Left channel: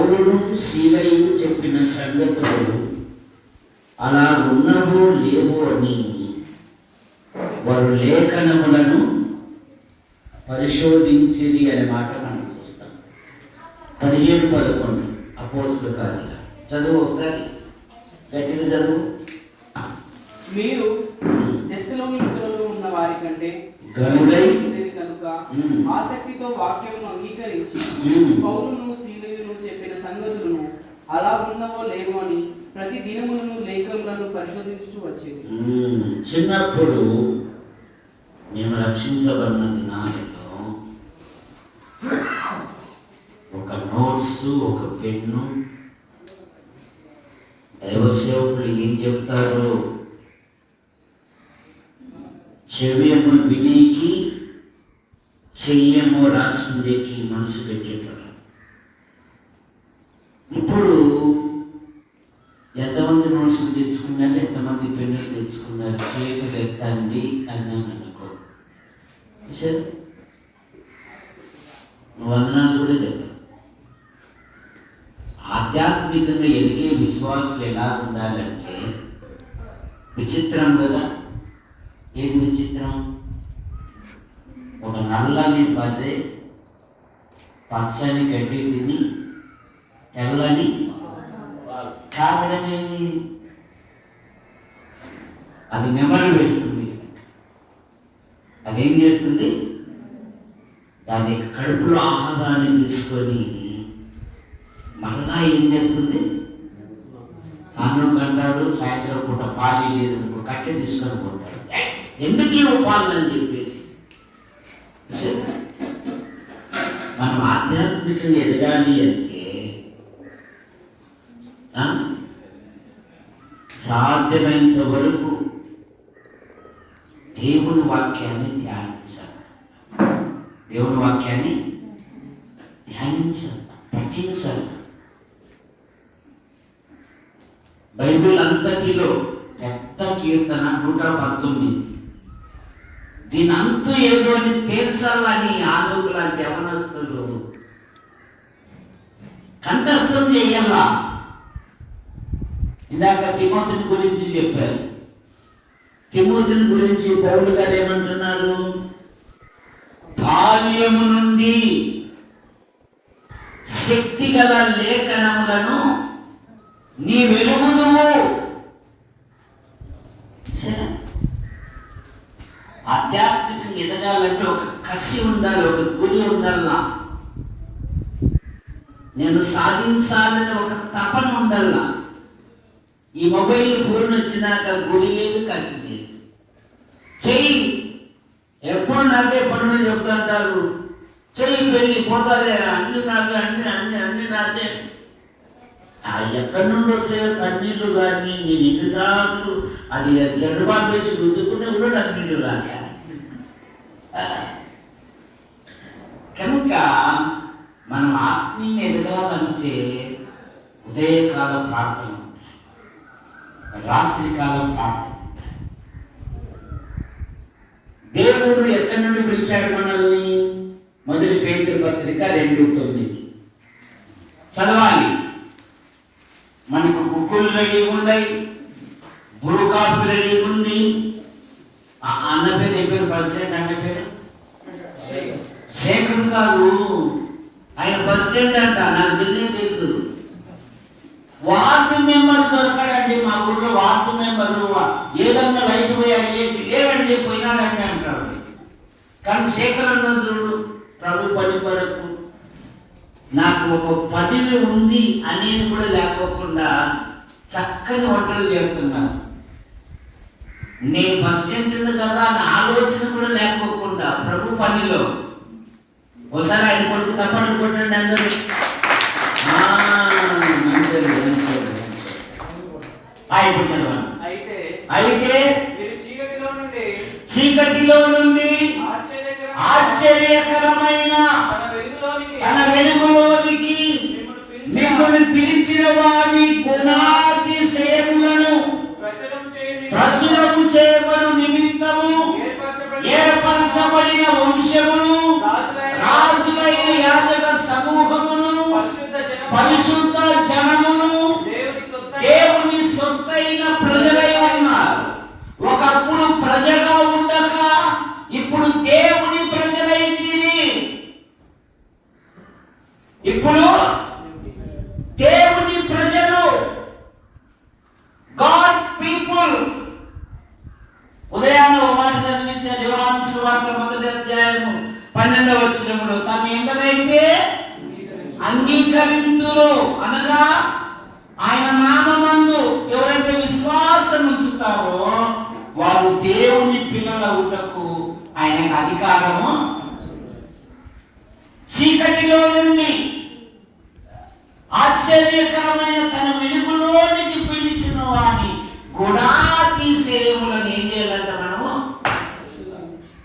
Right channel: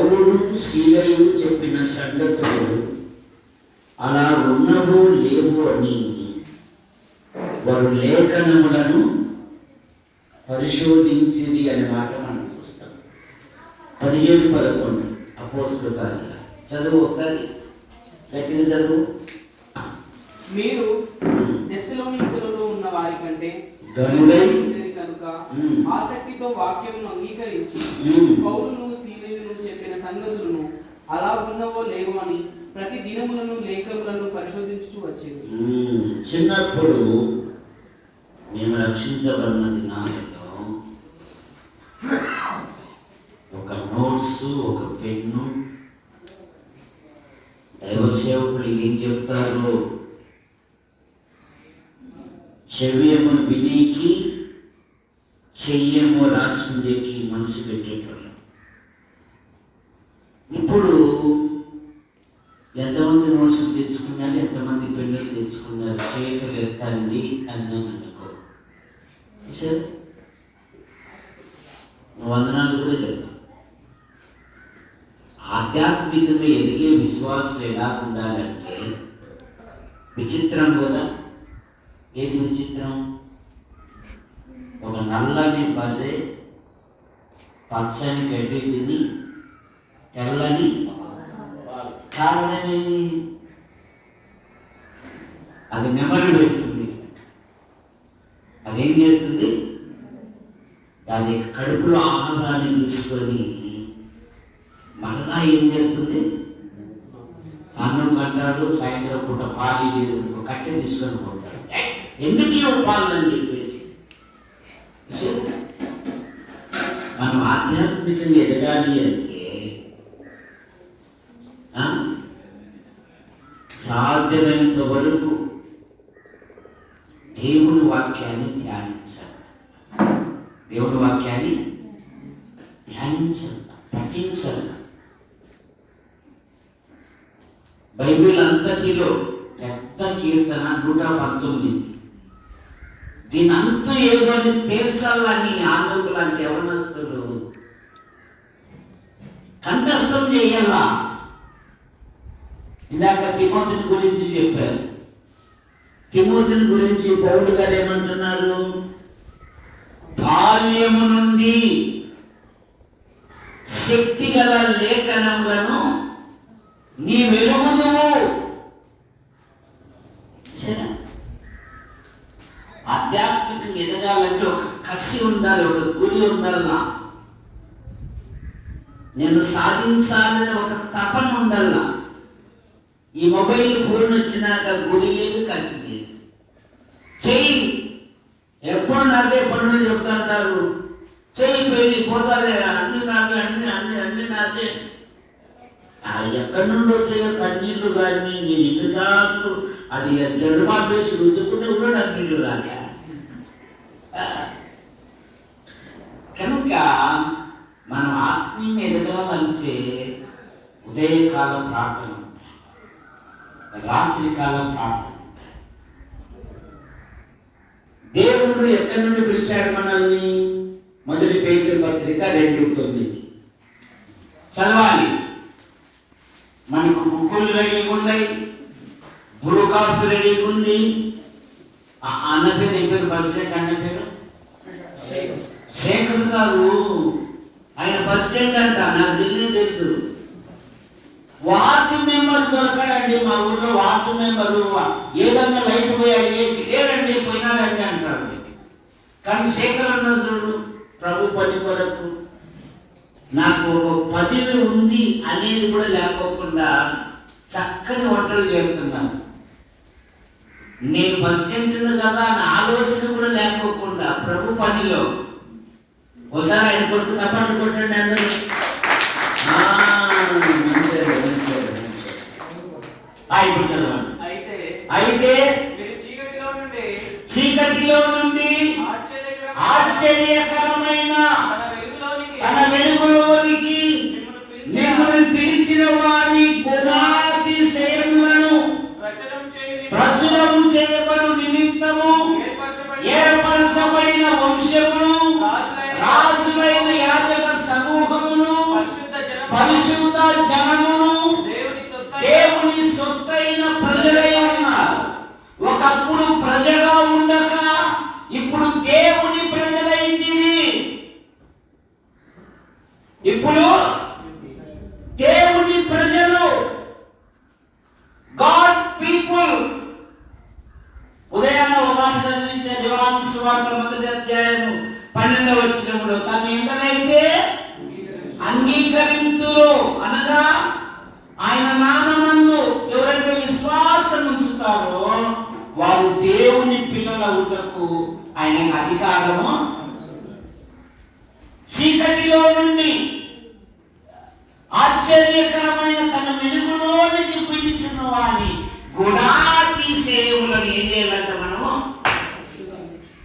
పౌలును సీలయు చెప్పిన సంగతులు అలా ఉన్నవో లేవో అని వారు లేఖనములను పరిశోధించిరి అనే మాట మనం చూస్తాం. 17-11 అపోస్తలుల కార్యాలు చదువు ఒకసారి, గట్టిగా చదువు. మీరు తెస్సలోనికీయులలో ఉన్న వారి కంటే గనుడై కనుక ఆసక్తితో వాక్యమును అంగీకరించి పౌలును సీలయును చెప్పిన సంగతులను అలా ఉన్నవో లేవో అని ప్రతి దినములను లేఖములను పరిశోధించుచూ వచ్చేది. చిన్నప్పుడు మేము రక్షించబడిన దినాలలో ఒక నోట్స్, ఒక పెన్ను, దైవ సేవకులు ఏం చెప్తారో చెవేమో వినేకి, చెయ్యేమో రాసుండేకి మనసు పెట్టేటోళ్ళం. ఇప్పుడు ఎంతమంది నోట్స్ తెచ్చుకున్నారు, ఎంతమంది పెన్నులు తెచ్చుకున్నారు, చేతులు ఎత్తండి అన్నాను అనుకో, సరే వందనాలు కూడా చెప్పాను. ఆధ్యాత్మికంగా ఎదిగే విశ్వాసులు ఎలా ఉండాలంటే విచిత్రం కదా. ఏది విచిత్రం? ఒక నల్లని బర్రె పచ్చని గడ్డి తిని తెల్లని కావడమేమి, అది నెమరు వేస్తుంది. అదేం చేస్తుంది? దాని కడుపులో ఆహారాన్ని తీసుకొని మళ్ళా ఏం చేస్తుంది? అన్నం కంటాడు, సాయంత్రం పూట పాలు లేదు కట్టె తీసుకొని పోతాడు. ఎందుకు ఇవ్వ పాలు అని చెప్పేసి. మనం ఆధ్యాత్మికంగా ఎదగాలి అంటే సాధ్యమైనంత వరకు దేవుని వాక్యాన్ని ధ్యానించాలి. దేవుని వాక్యాన్ని ధ్యానించాలి, పఠించాలి. బైబిల్ అంతటిలో పెద్ద కీర్తన 119. దీని అంతు ఏదో తేల్చాలని ఆలోకు లాంటి యవనస్తులు కంఠస్థం చేయాలా. ఇందాక తిమోతిని గురించి చెప్పారు. తిమోతిని గురించి పౌలు గారు ఏమంటున్నారు? బాల్యము నుండి శక్తి గల లేఖనములను నీ వెలుగుదువు. ఆధ్యాత్మికంగా ఎదగాలంటే ఒక కసి ఉండాలి, ఒక గురి ఉండాలా. నేను సాధించాలని ఒక తపన ఉండాలా. ఈ మొబైల్ ఫోన్ వచ్చినాక గురి లేదు, కసి లేదు. చెయ్యి ఎప్పుడు నాకే పనులు చెప్తుంటారు. చెయ్యి పెళ్ళి పోతారే, అన్ని నాకే, అన్ని అన్ని అన్ని నాకే. అది ఎక్కడి నుండి వస్తే కన్నీళ్ళు కానీ నేను ఎన్నిసార్లు అది జడుబాటు వేసి రుద్దుకుంటే కూడా నాకు నీళ్ళు రాలే. కనుక మనం ఆత్మీయంగా ఎదగాలంటే ఉదయకాల ప్రార్థన ఉంటాయి, రాత్రికాల ప్రార్థన ఉంటాయి. దేవుడు ఎక్కడి నుండి పిలిచాడు మనల్ని? 1 పేతురు పత్రిక 2:9 చదవాలి. మనకు కుక్కులు రెడీ ఉన్నాయి, బ్రూ కాఫీ రెడీ ఉంది. అన్న పేరు ఏ పేరు? ప్రెసిడెంట్ అన్న పేరు శేఖర్ గారు. ఆయన ప్రెసిడెంట్ అంట, నాకు తెలియదు. వార్డు మెంబర్ దొరకాడండి మా ఊళ్ళో. వార్డు మెంబర్ ఏదన్నా లైట్ పోయి అడిగేది లేదండి, పోయినాడంటే అంటాడు. కానీ శేఖర్ అన్న చూడు, ప్రభు పని కొరకు నాకు ఒక పదవి ఉంది అనేది కూడా లేకోకుండా చక్కని వంటలు చేస్తున్నాను. నేను ప్రెసిడెంట్ కదా అని ఆలోచన కూడా లేకోకుండా ప్రభు పనిలో ఒకసారి ఆయన కొట్టు తప్పట్లు కొట్టండి అందరూ. అయితే చీకటిలో నుండి ఆశ్చర్యకరమైన తన వెలుగులోనికి మిమ్మల్ని పిలిచిన వారి గుణాతిశయములను ప్రచురం చేయబడు నిమిత్తము ఏర్పరచబడిన వంశమును, రాజులైన యాజక సమూహమును, పరిశుద్ధ జనమును దేవుని సొత్తైన ప్రజలై ఉన్నారు. ఒకప్పుడు ప్రజగా ఉండక ఇప్పుడు దేవుని ప్రజలైతిరి. ఇప్పుడు దేవుని ప్రజలు, గాడ్ పీపుల్. ఉదయాన్నే ఒక మాట చదివించారు, యోహాను సువార్త 1వ అధ్యాయము 12వ వచనములో, తను ఎందరైతే అంగీకరించురో అనగా ఆయన నామమందు ఎవరైతే విశ్వాసం ఉంచుతారో వారు దేవుని పిల్లల ఉండకు ఆయన అధికారము, చీకటిలో నుండి ఆశ్చర్యకరమైన తన వెలుగులోనికి పిలిచిన వారిని గుణాతి సేవలను ఏం చేయాలంటే మనము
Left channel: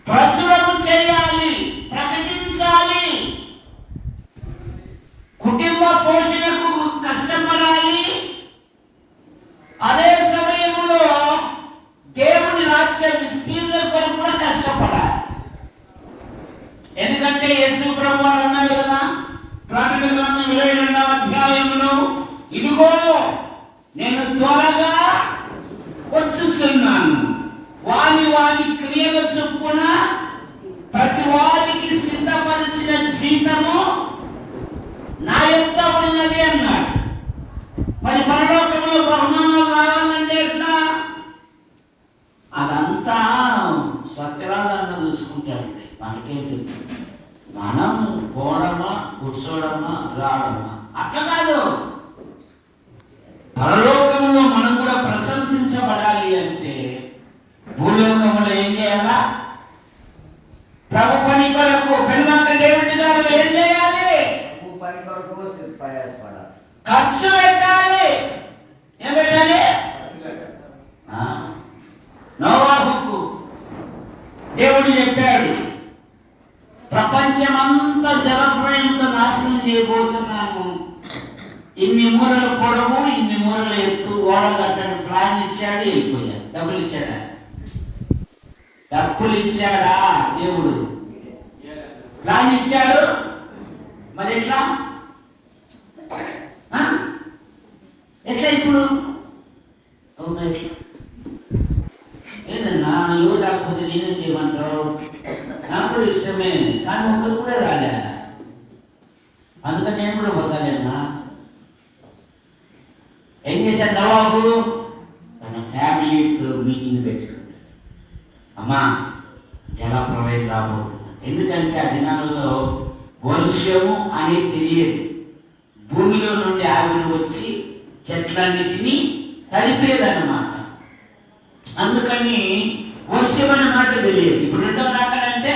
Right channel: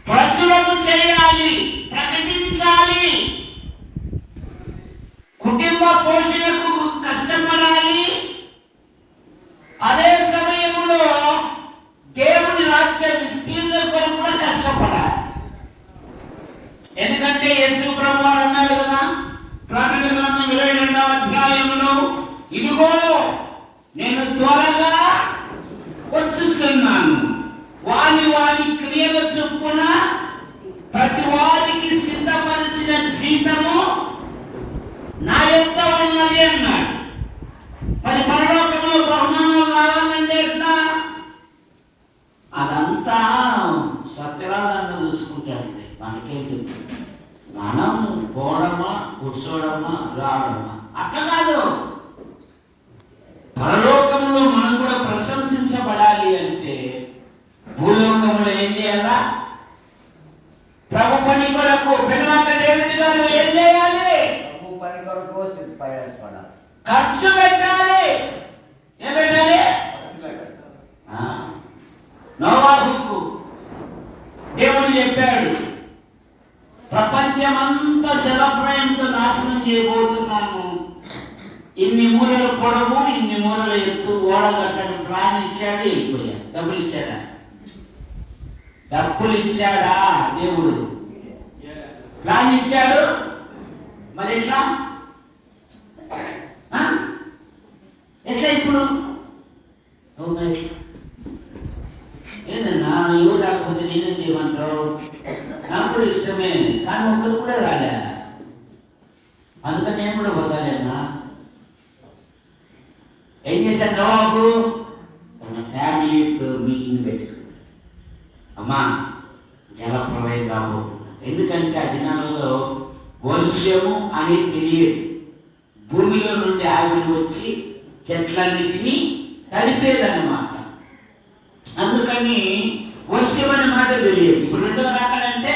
ప్రచురము చేయాలి, ప్రకటించాలి. కుటుంబ పోషణకు కష్టపడాలి. అదే సమయంలో దేవుని రాజ్య విస్తీర్ణ కొరకు కూడా కష్టపడాలి. ఎందుకంటే యేసు ప్రభువు అన్నారు కదా ప్రకటన గ్రంథం 22వ అధ్యాయంలో, ఇదిగో నేను త్వరగా వచ్చుచున్నాను, వారి క్రియల చొప్పున ప్రతి వారికి సిద్ధపరిచిన జీతము నా యొద్ద ఉన్నది అన్నాడు. మరి పరలోకంలో బహుమానాలు రావాలంటే ఎట్లా? అదంతా సత్యరాజంగా చూసుకుంటాడండి. మనకేంటి మనం పోవడమా, కూర్చోవడమా, రావడమా అట్లా కాదు. పరలోకంలో మనం కూడా ప్రశంసించబడాలి అంటే భూలోకంలో ఏం చేయాలా? ప్రభు పని కొరకు పెన్నాక డేవిడ్ గారు ఏం చేయాలి? ప్రభు పని కొరకు ప్రయాసపడాలి, ఖర్చు పెట్టాలి. ఏం పెట్టాలి? నోవాహుకు దేవుడు చెప్పాడు, ప్రపంచమంతా జలప్రళయంతో నాశనం చేయబోతున్నాను, ఇన్ని మూరలు పొడవు, ఇన్ని మూరలు ఎత్తు ఓడగట్టని ప్లాన్ ఇచ్చాడు. వెళ్ళిపోయాడు. డబ్బులు ఇచ్చాడా? డబ్బులు ఇచ్చాడా? దేవుడు ప్లాన్ ఇచ్చాడు. మరి ఎట్లా ఎట్లా ఇప్పుడు ఏదన్నా ఎవరు రాకపోతే నేనే చేయమంటావు? నాకు కూడా ఇష్టమే, కానీ ఒక్కరు కూడా రాలే. అందుకని నేను కూడా పోతాలేనా? ఏం చేశాను నవాబు? తన ఫ్యామిలీతో మీటింగ్ పెట్టుకుంటాడు. అమ్మా జలప్రళయం రాబోతుంది. ఎందుకంటే ఆ దినాలలో వర్షము అని తెలియదు. భూమిలో నుండి ఆవిరి వచ్చి చెట్లన్నిటినీ తడిపేదన్నమాట. అందుకని వర్షం అనే మాట తెలియదు. ఇప్పుడు రెండవ రాకడంటే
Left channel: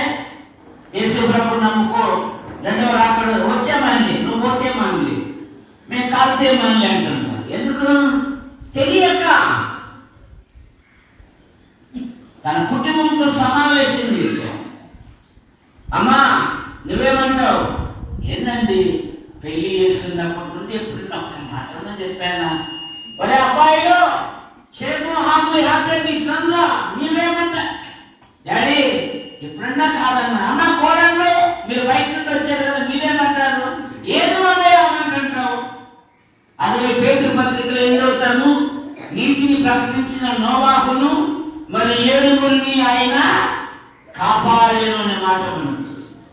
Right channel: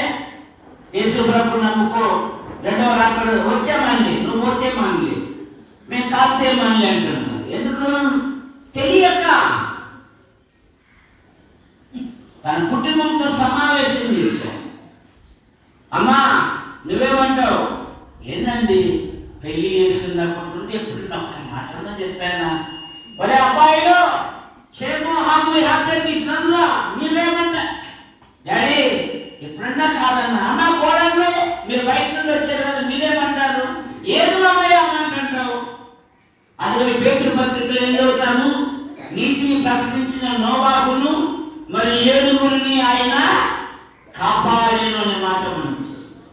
యేసు ప్రభు నమ్ముకో, రెండవ రాకడ వచ్చామని నువ్వు పోతే మనలే, మేము కాలితే మనలే అంటున్నారు. ఎందుకు? తెలియక. తన కుటుంబంతో సమావేశం చేశాం. అమ్మా నువ్వేమంటావు? ఏందండి పెళ్లి చేసుకున్నప్పటి నుండి ఎప్పుడు ఒక్క మాటలో చెప్పానా? ఒరే అబ్బాయిలు ఇట్లా మీరేమన్నా డాడీ ఎప్పుడన్నా కాదన్నా, అన్నా కోడళ్ళు మీరు బయట నుండి వచ్చారు కదా మీరేమంటారు? ఏది అమ్మయ్యా అంటావు. అదే పేతురు పత్రికలో ఏం చదువుతాము? నీతిని ప్రకటించిన నోవాహును మరి 7 ఆయన కాపాడేను అనే మాట మనం చూస్తాం.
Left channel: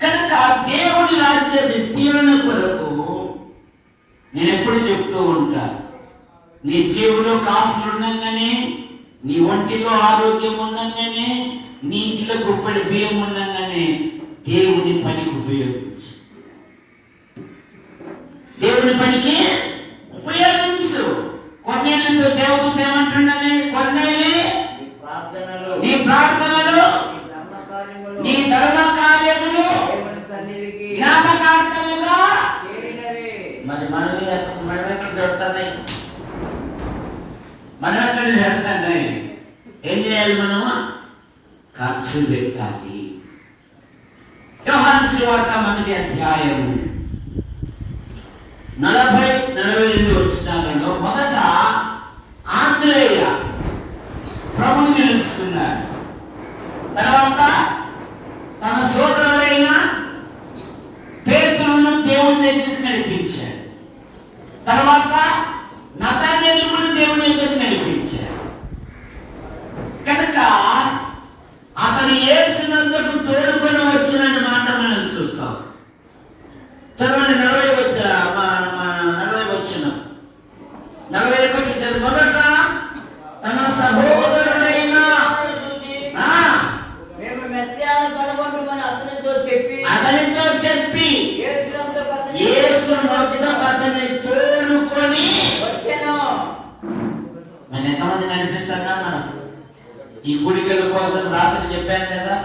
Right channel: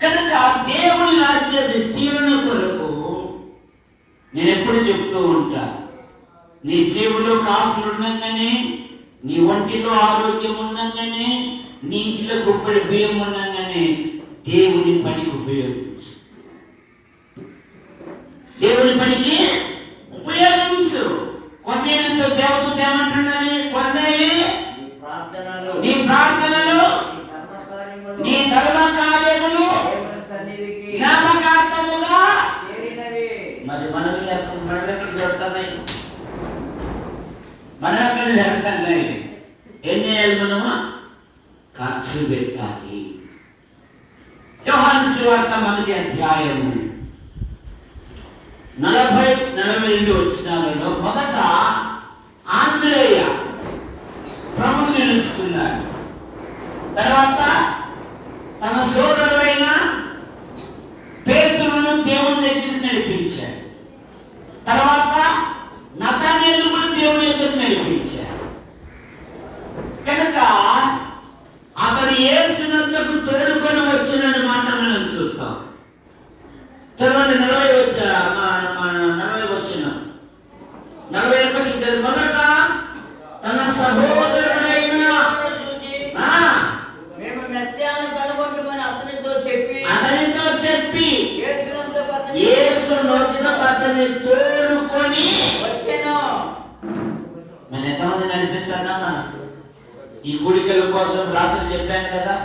కనుక దేవుని రాజ్య విస్తీర్ణ కొరకు నేను ఎప్పుడు చెప్తూ ఉంటా, నీ జేబులో కాసులు ఉండగానే, నీ ఒంటిలో ఆరోగ్యం ఉండగానే, నీ ఇంటిలో గుప్పెడి బియ్యం ఉండగానే దేవుని పనికి ఉపయోగించు. దేవుని పనికి ఉపయోగించు. కొన్నేళ్ళతో దేవదూత ఏమంటున్నది? కొన్నేళ్ళి నీ ప్రార్థనలు, నీ ధర్మ కార్యములు జ్ఞాపకార్థముగా. మరి మనం ఎక్కడ జరుగుతున్నాయి? మనం ఎక్కడ జరుగుతున్నాయి? ఏం చేయాలి? మనము ఖర్చు పెట్టాలి. యోహాను సువార్త 1వ అధ్యాయము 40-42 వచనాలలో మొదట ఆంద్రేయ ప్రభువుని తెలుసుకున్నాడు. తర్వాత తన సోదరుడైన పేతురును దేవుని దగ్గరికి నడిపించాడు. తర్వాత నతనేలు కూడా దేవుని దగ్గర నడిపించాడు. కనుక అతను యేసునందుకు తోడుకొని వచ్చిన మాట మనం చూస్తాం. చదవండి 40 వచ్చిన 41. మొదట తన సహోదరుడైన మేము మెస్సియాను కనుగొంటుమని అతనితో చెప్పి యేసు నొద్దకు అతన్ని తోడుకొని వచ్చెను. మనం ఎంతమంది నడిపిస్తున్నా ఈ కుడికల కోసం రాత్రి చెప్పాను కదా,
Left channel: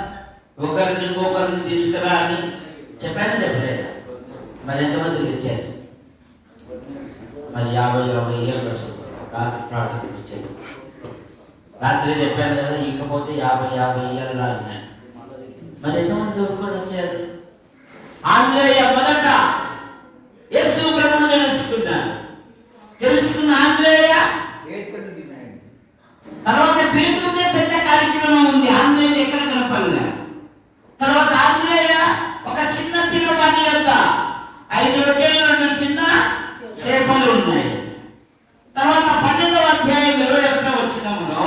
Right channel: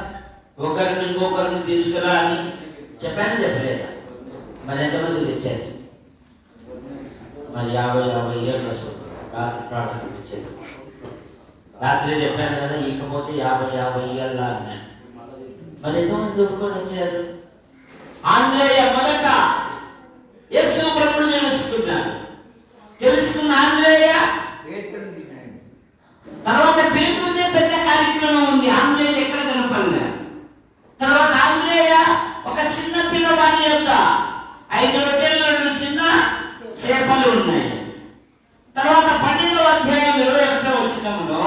ఒకరిని ఇంకొకరిని తీసుకురా అని చెప్పలేదా? మరి ఎంతమంది తెచ్చారు? మరి 50 ఏళ్ళు వస్తుంది రాత్రి ప్రార్థన తెచ్చారు. రాత్రి చెప్పాను కదా, ఇకపోతే 50 ఏళ్ళ అన్నాను. మరి ఎంతమంది దొరుకుని వచ్చారు? ఆంధ్రేయ మొదట యేసు ప్రభువుని తెలుసుకున్న ఆంధ్రేయ తర్వాత పేతురుదే పెద్ద కార్యక్రమం ఉంది. ఆంధ్రేయ ఎక్కడ కనపడలే. తర్వాత ఆంధ్రేయ ఒక చిన్న పిల్లవాడి యొక్క 5 రొట్టెలు 2 చిన్న చేపలు ఉన్నాయి. తర్వాత 12వ అధ్యాయం 21వ వచనంలో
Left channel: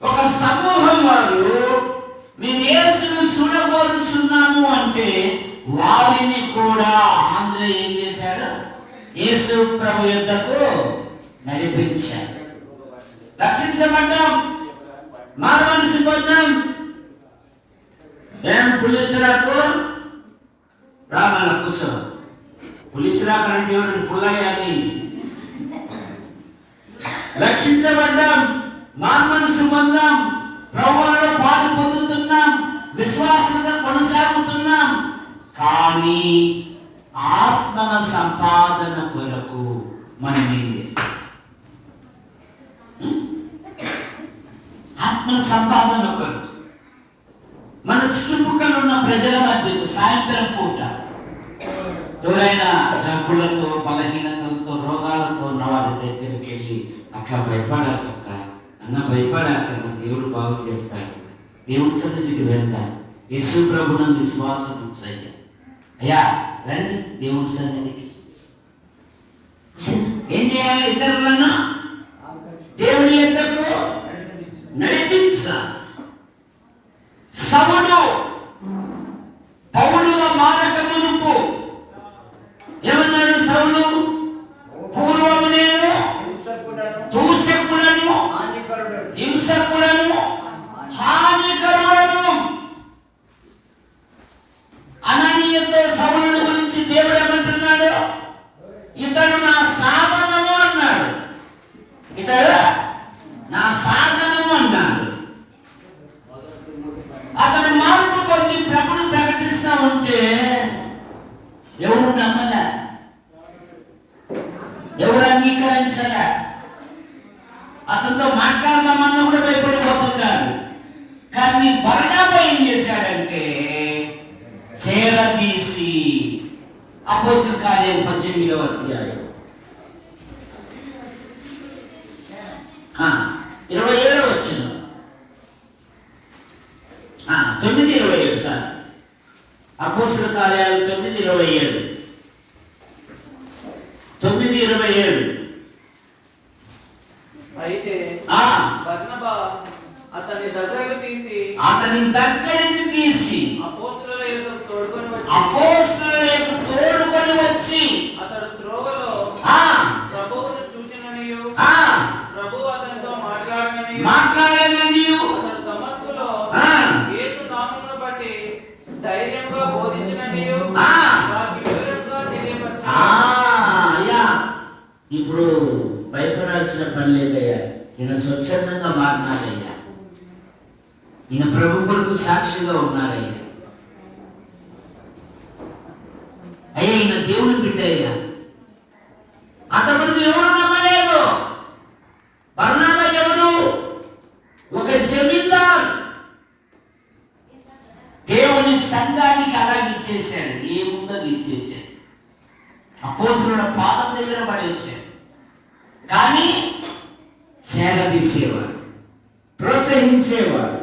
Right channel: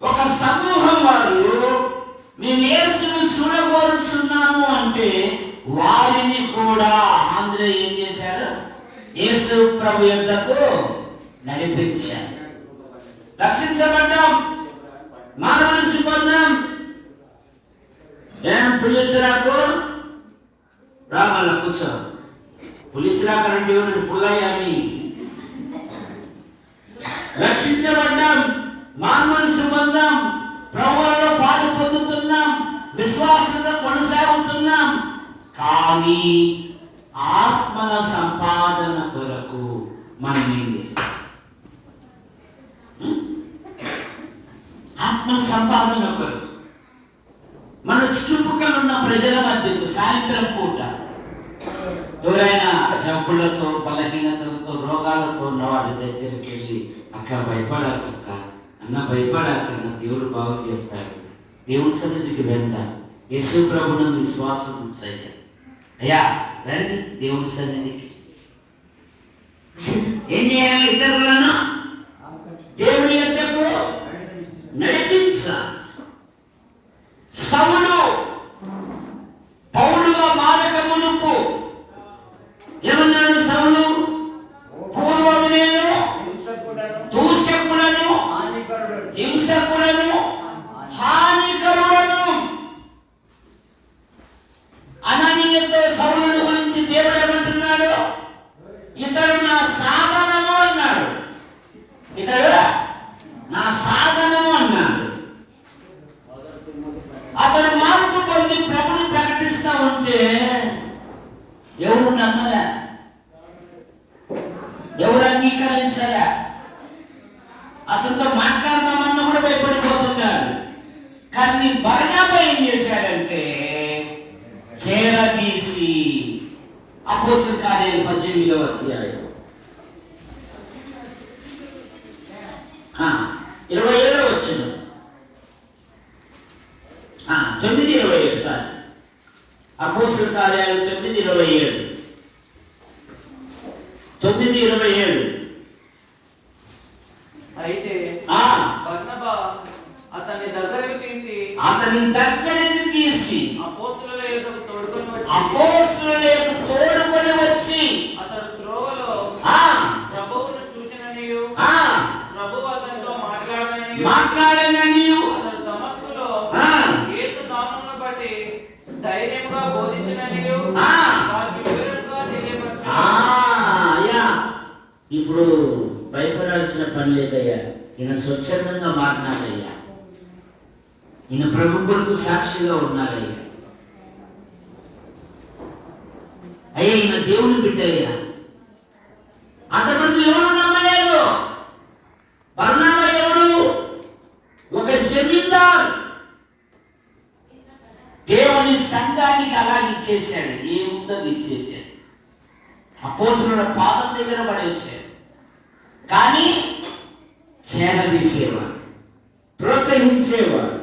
ఒక సమూహం వారు మేము యేసును చూడగోరుచున్నాము అంటే వారిని కూడా ఆంధ్రేయ ఏం చేశాడు? యేసు ప్రభు యొద్దకు నడిపించాడు. రక్షించబడ్డాం, మారు మనసు పొందాం. ఏం పులిసిరాకు రామల్ల కూర్చో. పులిసిరాకు అంటే పుల్లయ్యాని. రక్షించబడ్డాం, మారు మనసు పొందాం, ప్రభువులో పాలు పొందుతున్నాం, విశ్వాసంగా కొనసాగుతున్నాం. కానీ ఆత్మల సంపాదన కొరకు మనం ఏం చేస్తాం? ఆత్మల సంపాదన కొరకు మన చుట్టుపక్కల ఉన్న ప్రజల మధ్యకు సాయంత్రం పూట ఎవరైనా జబ్బులతో, బలహీనతలతో, రోగాలతో ఉన్న వారి దగ్గరికి వెళ్ళి అక్క భయపడాక, అన్న భయపడాకన్నా దేవుడు బాగు చేస్తాడు. దేవుడి సన్నిధికి రండ, యేసు ప్రభునందు విశ్వాసం ఉంచయ్యా. అయ్యా రండి దేవుడి సన్నిధికి. ఏం చేయాలి? ఇతరులను దేవుడి యొద్దకు నడిపించాలి. సౌలు పౌలుగా మారక మునుపు ఏమన్నాడు? సౌలు పూర్వము నేను దూషకుడను, హింసకుడను, హానికరుడను. అననీయతో సౌలుని గురించి దేవుడు ఏమంటున్నాడు? ఇతడు నా సాధనము అన్నాడు. ఇతడు నా సాధనము అన్నాడు. అతను మార్పు పొంది ప్రభుని ప్రకటిస్తా ఉంటే ఎవరు నమ్మలే, ఎవరు అంగీకరించలే. అతనితో మాట్లాడదామన్నా కూడా భయపడిపోతున్నారు. కానీ బర్నబా ఏం చేశాడంటే చేరదీసి అపోస్తలుల కార్యాలు 18వ అధ్యాయం 27వ వచనం 9:27 సార్. అపోస్తలుల కార్యాలు 9:27 9:27. అయితే బర్నబా అతని దగ్గరికి తీసి అపోస్తలుల యొద్దకు తోడుకొని వచ్చి అతడు త్రోవలో ప్రభువును చూచిననియు ప్రభువు అతనితో మాట్లాడననియు అతడు దమస్కులో యేసు నామమును బట్టి ధైర్యంగా బోధించిననియు వారికి వివరంగా తెలియపరిచాడు. ఇప్పుడు భయపడాల్సిన పని లేదయ్యా. ఈయన స్వచ్ఛందంగా మాట్లాడయ్యా. ఈయన ప్రభు కొరకు సాక్షిగా ఉన్నాడయ్యా. అయ్యా ఈయన దేవుని బిడ్డయ్యా. అంతమంది ఎవరు నమ్మలేదు. బర్నబా ఎవరు? ఒక జమీందార్. దేవుని సంఘానికి అలాగే ఇచ్చేసాడు. ఏముందని ఇచ్చేసాడు. అపోస్తలుల పాదం దగ్గర పడేసాడు. కానీ చేరదీసేవాడు, ప్రోత్సహించేవాడు.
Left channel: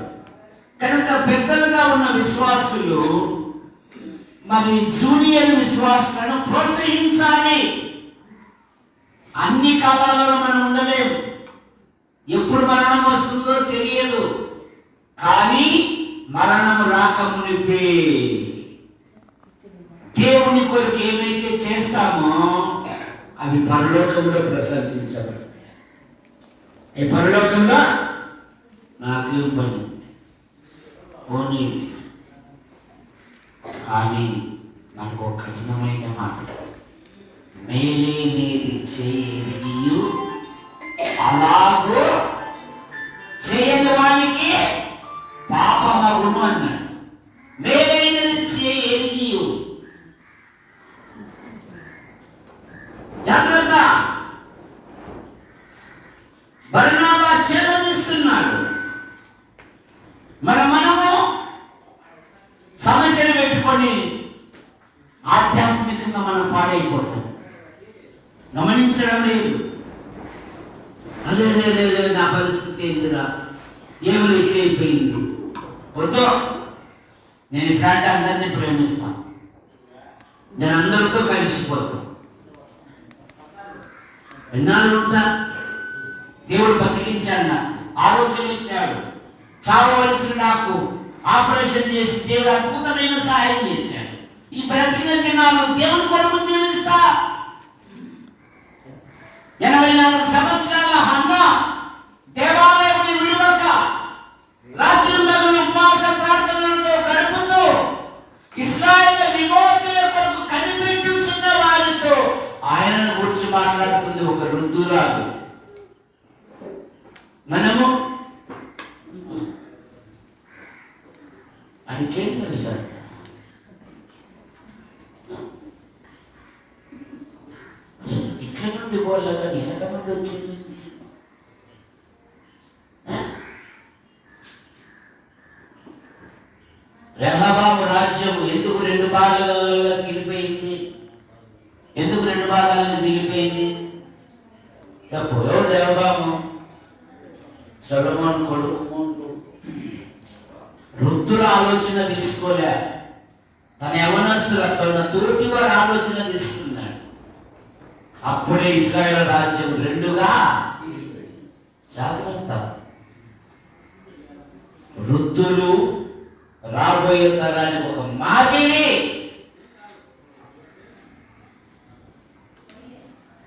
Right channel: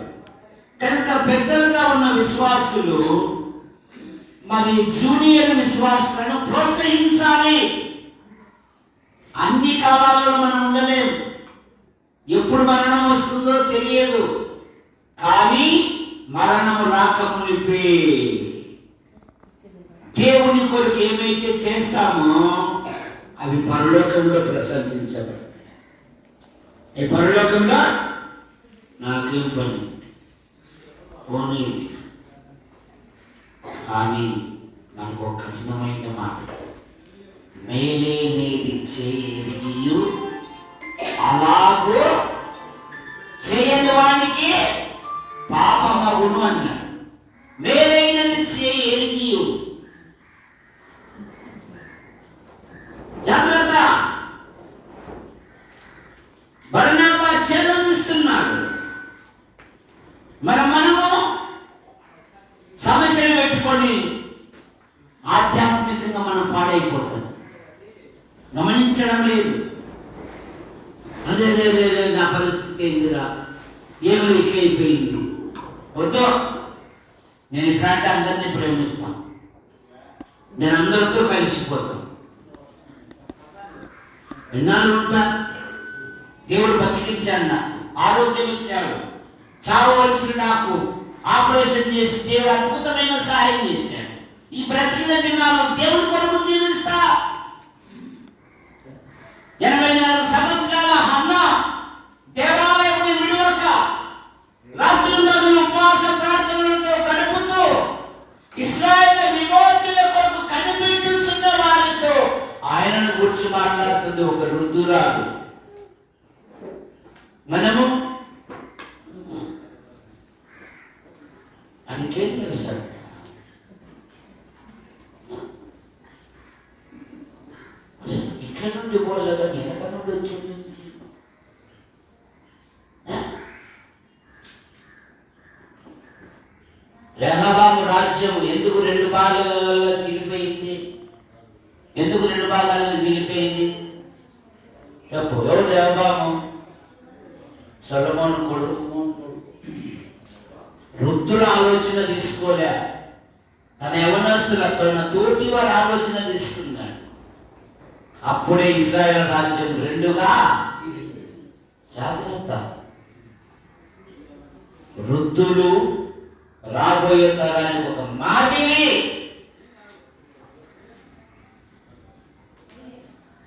కనుక పెద్దలుగా ఉన్న విశ్వాసులు మరి జూనియర్ విశ్వాసులను ప్రోత్సహించాలి. అన్ని కాలాలలో మనం ఉండలేము, ఎప్పుడు మరణం వస్తుందో తెలియదు. కానీ మరణం రాకమునిపే దేవుని కొరకు ఏమైతే చేస్తామో అవి పరలోకంలో ప్రశంసించబడతాయి. ఈ పరలోకంలో నాకేం పని పోనీ. కానీ నాకు ఒక కఠినమైన మాట, మేలే మేలు చేయు అలాగూ చేయని వానికి పాపమగును అన్నాడు. మేలైనది చేయు, జాగ్రత్త. బర్నబా చేదరిస్తున్నాడు. మనము సమస్యలు పెట్టుకొని ఆధ్యాత్మికంగా మనం పాడైపోతాం, గమనించడం లేదు. అదే నా పరిస్థితి ఏందిరా, ఏమి ఇట్లా అయిపోయింది. వద్దు, నేను ఇట్లాంటి అందరినీ ప్రేమిస్తాను, నేను అందరితో కలిసిపోతాను. ఎన్నాళ్ళు ఉంటా? దేవుడు బతికించాడు, ఆరోగ్యం ఇచ్చాడు. చావవలసిన నాకు ఆపరేషన్ చేసి దేవుడు అద్భుతమైన సహాయం చేశాడు. ఈ బ్రతికిన దినాలు దేవుడి కొరకు జీవిస్తా. 84 సంవత్సరాల హన్న దేవాలయాన్ని విడువక రాత్రి పగలు ఉపవాస ప్రార్థనలతో గడుపుతూ ఇశ్రాయేలు విమోచన కొరకు కనిపెట్టుతున్న వారితో ఆయనను గురించి మాట్లాడుతుంది ఒక వృద్ధురాలు. మనము ఇంకేం తెలుసా? ఇక్కడ నుండి పోలేదా, ఎక్కడ నుండి వచ్చింది? రెహబాము రాజ్యం ఎందుకు 2 భాగాలుగా చీలిపోయింది? ఎందుకు 2 భాగాలుగా చీలిపోయింది? చెప్పు. ఎవరు రెహబాము? సొలొమోను కొడుకు. వృద్ధుల ఆలోచన తీసుకోలే, తన యవనస్తులతో తోటి వారి ఆలోచన తీసుకున్నాడు. అప్పుడే ఇశ్రాయేలు రాజ్యం 2గా. జాగ్రత్త. వృద్ధులు రాబోయే తరానికి ఒక మాదిరి.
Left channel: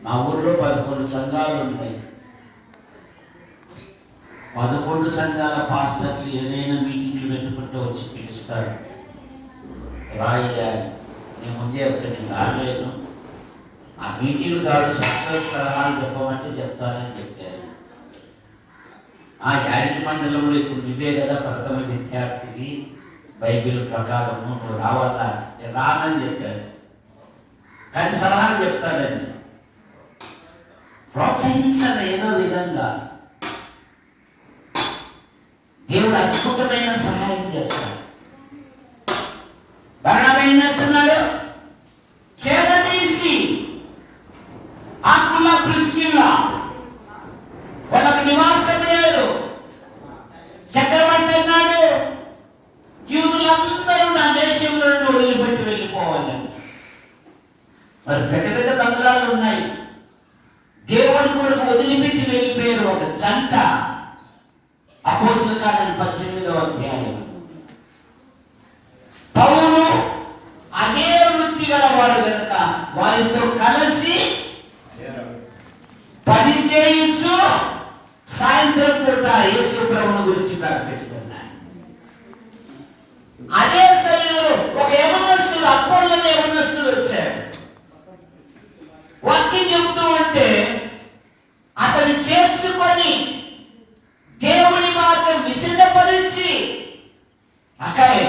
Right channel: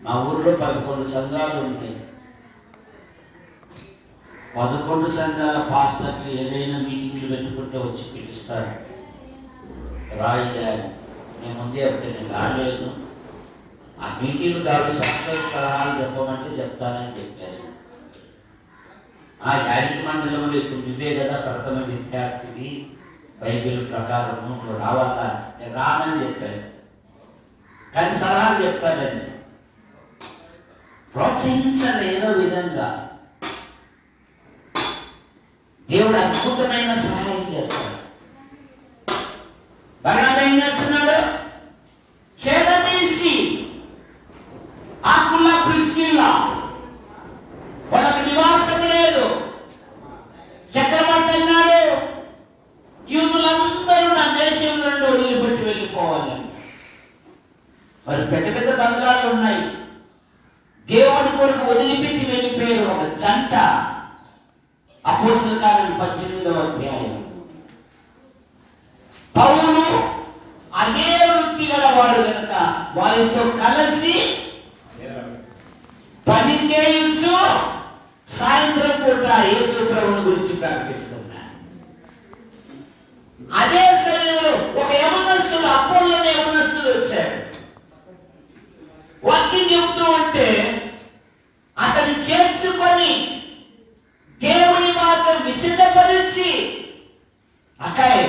మా ఊర్లో 11 సంఘాలు ఉంటాయి. 11 సంఘాల పాస్టర్లు ఏదైనా మీటింగ్లు పెట్టుకుంటే వచ్చి పిలుస్తారు. రాయ్యాలి, నేను ముందే చెప్తే నేను రాలేదు. ఆ మీటింగ్ కాదు, సక్సెస్ సలహాలు చెప్పమంటే చెప్తానని చెప్పేస్తాను. ఆ యాడికి మండలంలో ఇప్పుడు నువ్వే కదా ప్రథమ విద్యార్థివి, బైబిల్ ప్రకారము నువ్వు రావాలా, నేను రానని చెప్పేస్తాను. కానీ సలహాలు చెప్తానండి. ప్రోత్సహించాలి ఏదో విధంగా. దేవుడు అద్భుతమైన సహాయం చేస్తాడు. బర్నబా ఏం చేస్తున్నాడు? చేదతీసి ఆకుల్లా ప్రిస్కిల్లా వాళ్ళకు నివాసం లేదు. చక్రవర్తి అన్నాడు, యూదులందరూ నా దేశంలో నుండి వదిలిపెట్టి వెళ్ళిపోవాలి. మరి పెద్ద పెద్ద బంగ్లాలు ఉన్నాయి. దేవుడి కొరకు వదిలిపెట్టి వెళ్ళిపోయారు ఒక జంట. అపోస్తలుల కార్యం 18వ అధ్యాయం. పౌలు అదే వృత్తి గలవాడు కనుక వారితో కలిసి పని చేయొచ్చు. సాయంత్రం పూట యేసు ప్రభువుని గురించి ప్రార్థిస్తున్నాడు. అదే సమయంలో ఒక యవనస్తుడు, అపోస్తలుల యవనస్తుడు వచ్చాడు. వాక్యం చెప్తూ ఉంటే అతన్ని చేర్చుకొని దేవుని మార్గం విశదపరిచి, అక్కాయ్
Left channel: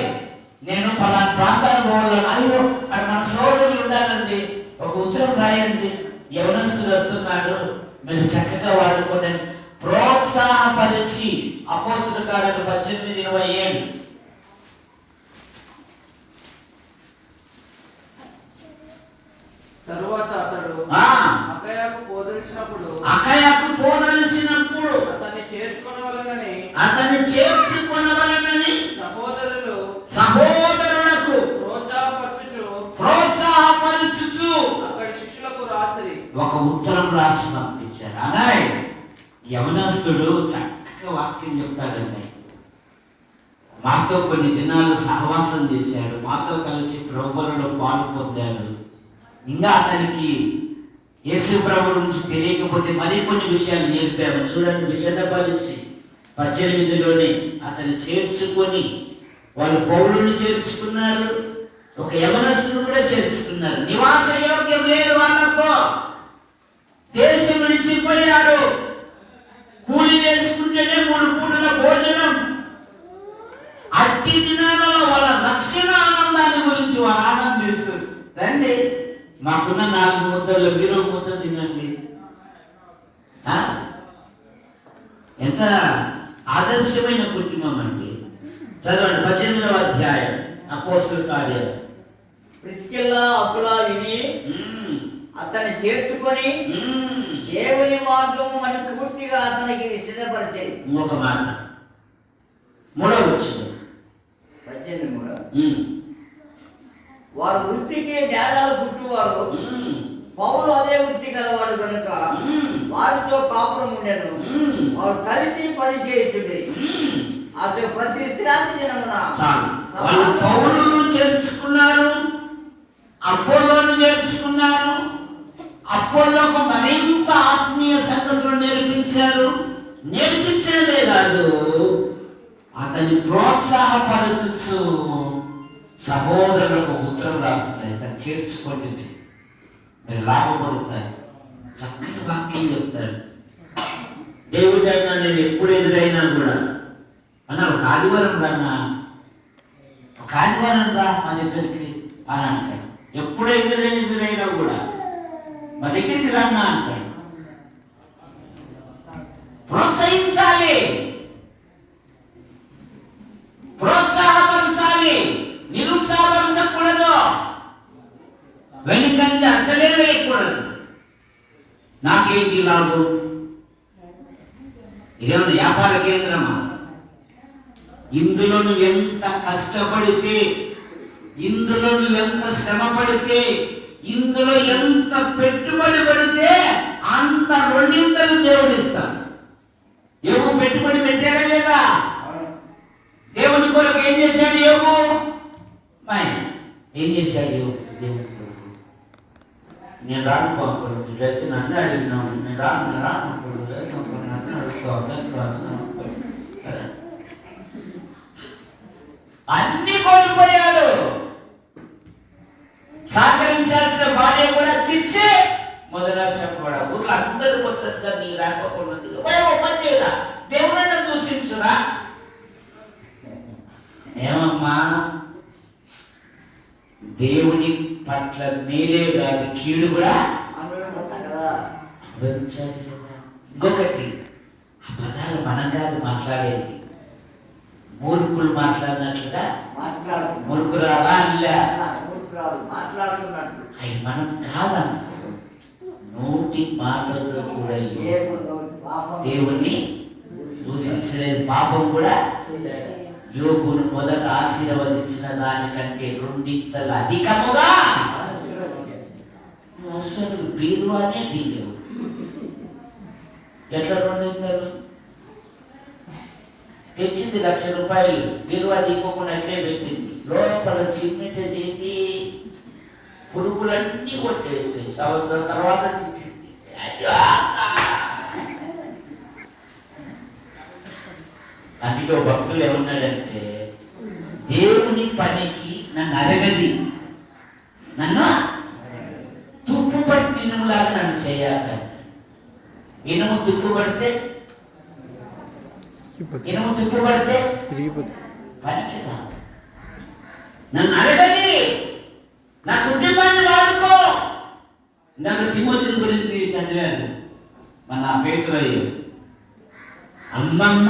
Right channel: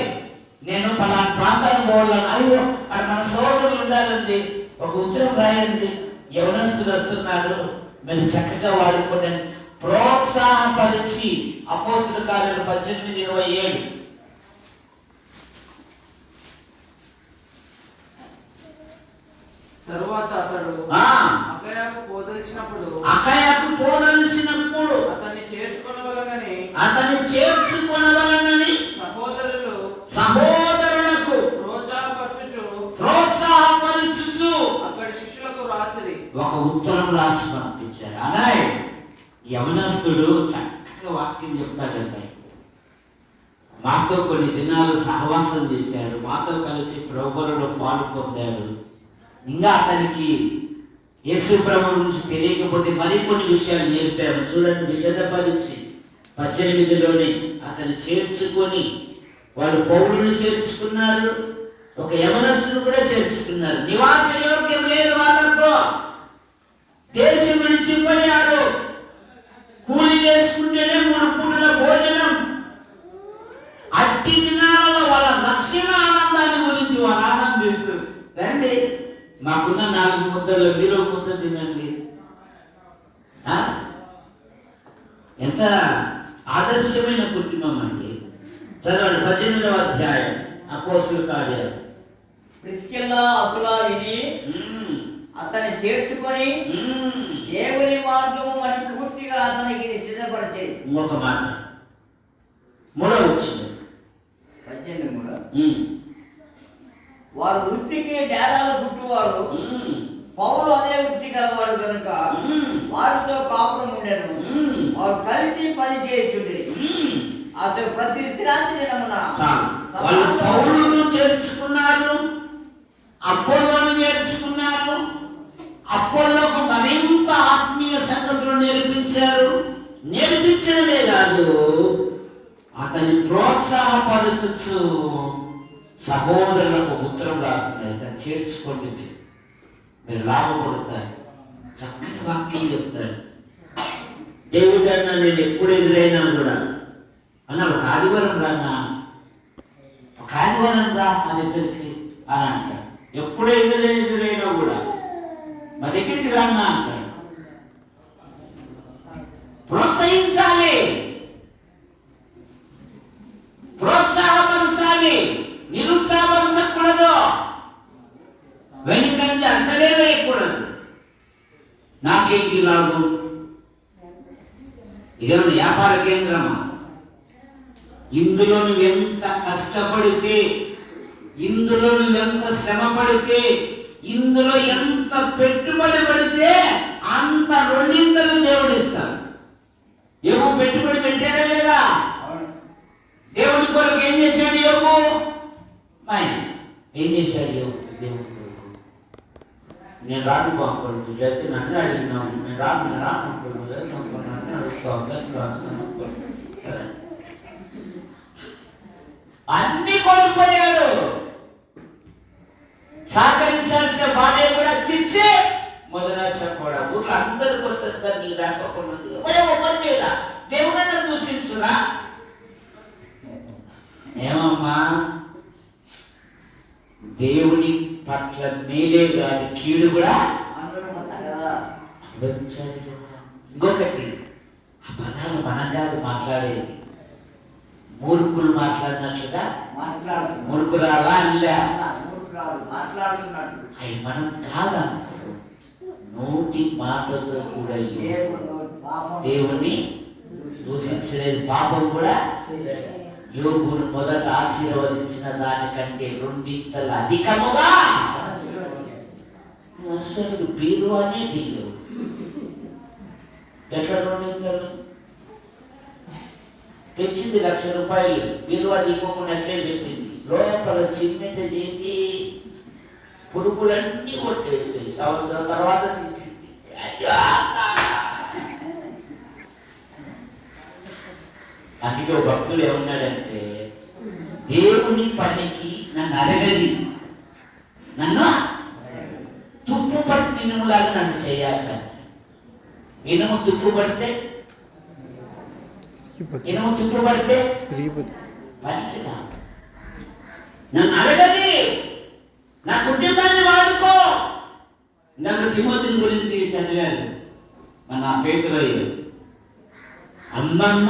నేను పలానా ప్రాంతాన్ని పోవాలని, అయ్యో అక్కడ మన సోదరులు ఉండాలండి, ఒక ఉత్తరం రాయండి, యవనస్తులు వస్తున్నారు, మీరు చక్కగా వాడుకోండి ప్రోత్సాహపరిచి. అపోస్తలుల కార్యం 18:27. తరువాత అతడు అకయాకు పోదలిచినప్పుడు అతన్ని చేర్చుకొనవలెనని సహోదరులకు ఒక ఉత్తరం రాసి పంపించారు. అనాయ్ యవనస్తుడు చక్కగా వాక్యం చెప్తాడండి. మాతో కొన్ని దినాలు సహవాసం చేశాడు, మాతో కలిసి ప్రభువులో పాలు పొందాడు. ఇంకా అతనికి యేసు ప్రభు గురించి తెలియకపోతే మరికొన్ని విషయాలు నేర్పాము. చూడండి, విషదపరిచి 18లోనే అతను చేర్చుకొని వాళ్ళు పౌరుని చేర్చుకున్నారు, ఒక యవనస్తుడు కూడా చేర్చుకున్నారు. నివాస యోగ్యం లేదు వాళ్ళకు, దేశం విడిచిపోయారు. కూలి చేసుకుంటేనే 3 పూటల భోజనం. అట్టి దినాలలో వాళ్ళ రక్షణ ఆనందాన్ని గురించి వాళ్ళు ఆనందిస్తారు. రండి, మాకున్న 4 ముద్దలు మీరు 1 ముద్ద తినండి. ఎంత ఆదర్శమైన కుటుంబం అండి. చదవండి 18వ అధ్యాయం అపోస్తలుల కార్యాలు. ప్రిస్కిల్లా అకులా విని అతన్ని చేర్చుకొని దేవుని మార్గము అని పూర్తిగా అతనికి సిద్ధపరిచేది. ఇంకొక మాట 3వ వచనం 18 వారు వృత్తికి డేరాలు పుట్టువారు. పౌలు అదే వృత్తి కలవాడు కనుక వారితో కాపురం ఉండేను. వారు కలిసి పని చేయుచుండేది. అతను ప్రతి విశ్రాంతి దినమున పౌలును చేర్చుకున్నారు, అపోల్లోను చేర్చుకున్నారు. అపోల్లోకు మరింత ఆత్మీయ సంగతులు నేర్పించారు. నేర్పించడమే కాదు, అతన్ని ప్రోత్సాహపరచు సహోదరులకు ఉత్తరం రాస్తున్నాయి. తను చేర్చుకోండి, మీరు లాభపడతారు. చక్కని వాక్యం చెప్తారు. దేవుడు అన్నా నేను ఎప్పుడు ఎదురైనా కూడా అన్నారు, ఒక ఆదివారం రాన్నా, ఒక ఆదివారం రా మా దగ్గరికి అని అంటాడు. ఎప్పుడు ఎదురైనా కూడా మా దగ్గరికి రాన్నా అంటాడు. ప్రోత్సహించాలి, ప్రోత్సాహపరచాలి, నిరుత్సాహపరచకూడదు, వెనుకంజ అసలే వేయకూడదు. నాకేంటి లాభం? ఇదేమన్నా వ్యాపార కేంద్రమా? ఇందులో నువ్వు ఎంత కష్టపడితే, ఇందులో నువ్వు ఎంత శ్రమ పడితే, ఇందులో ఎంత పెట్టుబడి పడితే అంత 2 దేవుడు ఇస్తాడు. యోబు పెట్టుబడి పెట్టాడా లేదా? దేవుడి కొరకు ఏం చేశాడు యోబు? ఏం చేశాడు యోబు దేవుడి కొరకు? నేను రాను బాబు జతి నన్ను అడిగినాను, నేను రాను అన్ని కోల్పోయాడు. సహకరించాల్సిన భార్య కూడా చిచ్చే, మొదలసిన కూడా ఊర్లో అందరికి వస్తుంది. నీ రాకపోకుండా దేవుడైనా దూషించురా. ఏమమ్మా, దేవుని పట్ల మేలే కాదు కీడు కూడా అనుభవించాలి కదా. ఇంకొకటి, ఆ పదాలు మనం కాదు మాట్లాడేది, మూర్ఖులు మాట్లాడినట్లుగా మూర్ఖురాలా అవి మనం కాదన్న నోటి మాటలతో కూడా దేవుణ్ణి దూషించలేదు. పాపం కూడా యోబును మొదట ఆశీర్వదించిన దానికంటే 2 అధికముగా అసలు బీరువానే దిగవు. ఎట్లా 2 తెచ్చింది ₹1,00,000, బీరువా దిగకుండా అట్లే పెట్టింది. లోపల చిమ్మెట చేసి పురుగులన్నీ కొట్టేసి సంవత్సరం తర్వాత తెచ్చింది. అందుకే భక్తులు ఏమన్నాడంటే, దేవుని పనికి నన్ను అరగది, నన్ను తుప్పు పట్టి ఇనుములాగా నన్ను చేయాలి. ఇనుము తుప్పు పడితే పనికి రా. నన్ను అరగది, నా కుటుంబాన్ని వాడుకో. నాకు తిమోతిని గురించి చదివాను. మన పేతురయ్య అమ్మమ్మ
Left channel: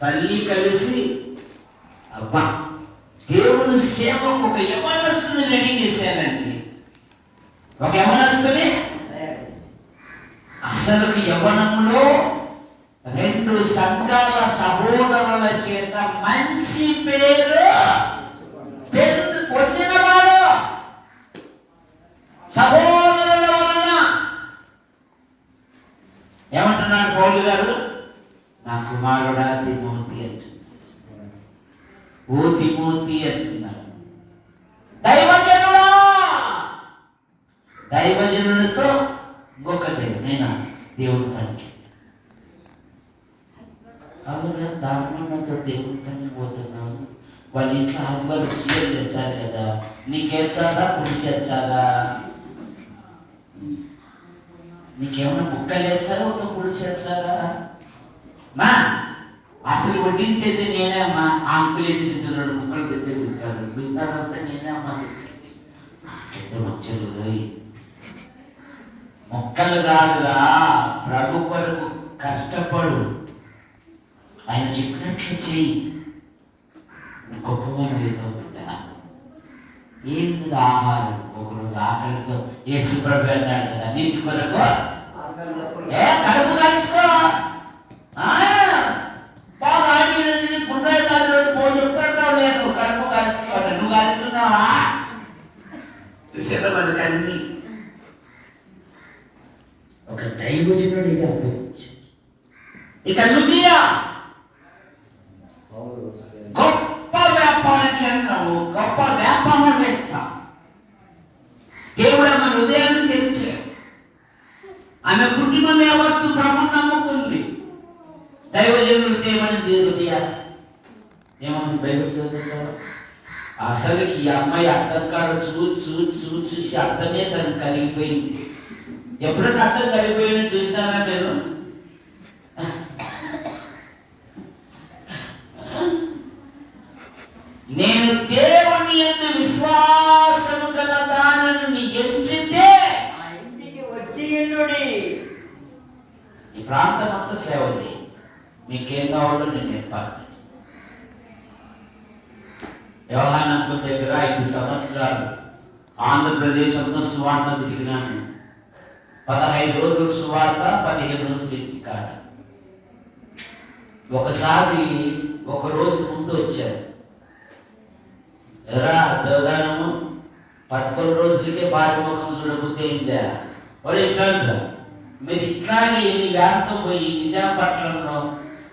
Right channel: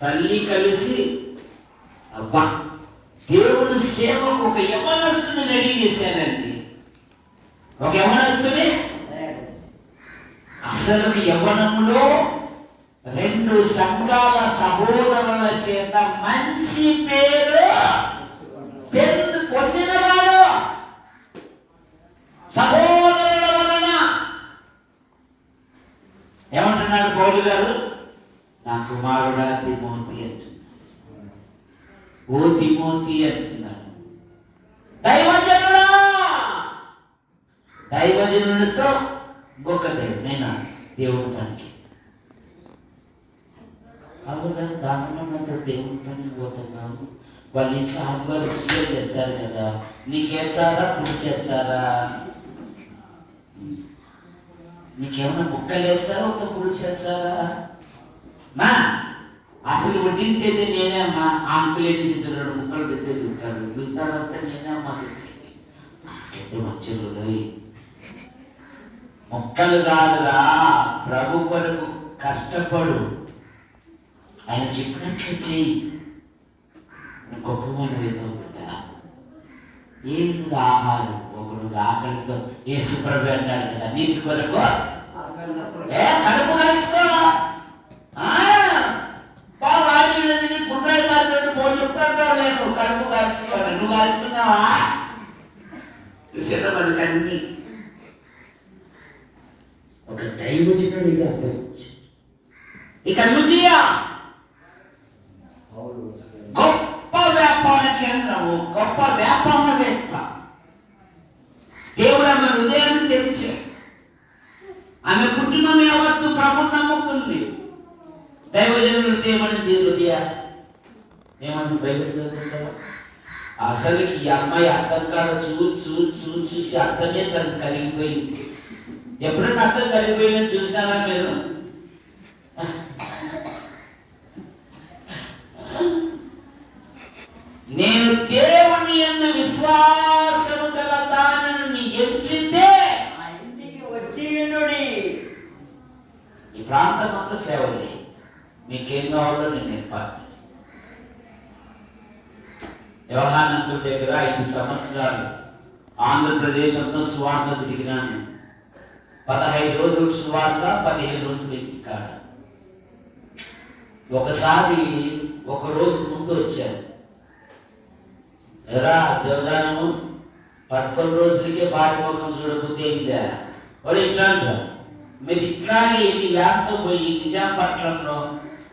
తల్లి కలిసి అబ్బా దేవుని సేవకు ఒక యవనస్తుని రెడీ చేశానండి. ఒక యవనస్తుని అసలు యవనంలో 2 సంఘాల సహోదరుల చేత మంచి పేరు పొందినవాడు. సహోదరుల వలన కుమారుడా తిమోతి అంటున్నాడు. ఓ తిమోతి అంటున్నాడు. దైవజనుడా, దైవజనుడితో గొక్కతే నేను దేవుడి పనికి. అవునా, దాంట్లో దేవుడి పని పోతున్నావు. వాళ్ళ ఇంట్లో ఆదివారం సీఎం తెచ్చారు కదా, నీకేసారా పులిసి తెచ్చారా? నీకేమైనా ముక్కలు వేస్తారా ఒక పులుసు వేస్తారా? మా అసలు వడ్డించేది నేనే అమ్మా. అంకులు ఎన్ని తింటారు, 2 ముక్కలు తింటే తింటారు, తింటారంతా నేనే అమ్మా. నాకైతే వచ్చేది మొక్కలు రాదురా, ప్రభు కొరకు కష్టపడు, ఆయన చెప్పినట్లు చెయ్యి. గొప్పమైన ఏదో బిడ్డ ఏంది ఆహారం. ఒకరోజు ఆకలితో యేసు ప్రభు అన్నాడు కదా, నీతి కొరకు కడుపు కలుసుకో. బాగా ఆడినది గుండ్రాయి పోతుంటావు లేదు, కడుపు కలుసుకోవాలి. నువ్వు కలుసుకున్నావా? చూసేటప్పుడు కన్నీ ఒక దైవజనుడిగా ఇక నుదియా గొప్ప వ్యాపార కేంద్రము, గొప్ప వ్యాపారవేత్త. దేవుడు ఆమె హృదయాన్ని తెలిసాడు. ఆమె కుటుంబం యావత్తు ప్రభుని నమ్ముకుంది. దైవజనుడు ఏమని హృదయ ఏమని బైబిల్ చదువుతారు. అసలుకి ఈ అమ్మాయి అర్థం కాడ చూసి అర్థమే సరే కలిగిపోయింది. ఎప్పుడన్నా అర్థం కలిగిపోయిందని చూసినారా మీరు? నేను దేవుని యందు విశ్వాసము గల దానిని ఎంచితే ఆ ఇంటికి వచ్చి ఈ ప్రాంతం అంతా సేవ చేయి. మీకేం కావాలో నేను ఏర్పాటు చేస్తాను. యోహానంకుల దగ్గర 5 సంవత్సరాలు ఆంధ్రప్రదేశ్ అంతా సువార్త తిరిగినాను. 15 రోజులు సువార్త, 15 రోజులు ఇంటికాడ. ఒకసారి ఒక రోజు ముందు వచ్చారు. ఎరా దేవదానము 11 రోజులకే భార్య ముఖం చూడబోతే ఏందా వాడు ఇట్లా అంటారు. మీరు ఇట్లాగే ఈ వ్యాప్తం పోయి నిజాంపట్నంలో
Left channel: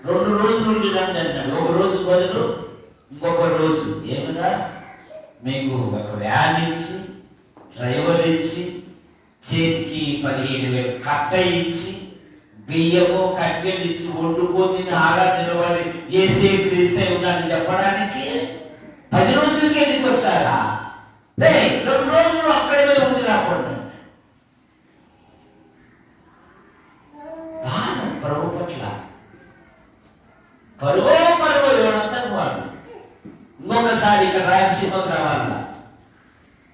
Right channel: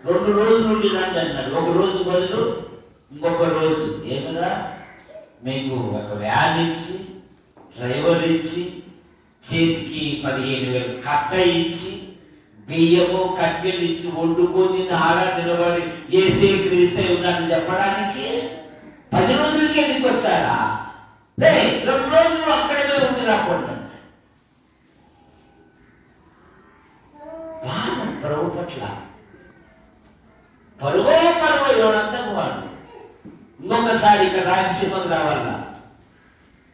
2 రోజులు నుండి రండి అన్నాడు. ఒక రోజు బదులు ఇంకొక రోజు ఏమదా మీకు ఒక వ్యాన్ ఇచ్చి, డ్రైవర్ ఇచ్చి, చేతికి 15,000 కట్ట ఇచ్చి, బియ్యము కట్టెలు ఇచ్చి, వండుకొని ఆరా నిలబడి ఏసే క్రీస్తే ఉన్నాడని చెప్పడానికి 10 రోజులకి ఎందుకు వచ్చారా? 2 రోజులు అక్కడే ఉండి రాకుండా ప్రభు పట్ల పరుగో ఎవడంతా వాడు. ఇంకొకసారి ఇక్కడ రాయలసీమకు రావాలా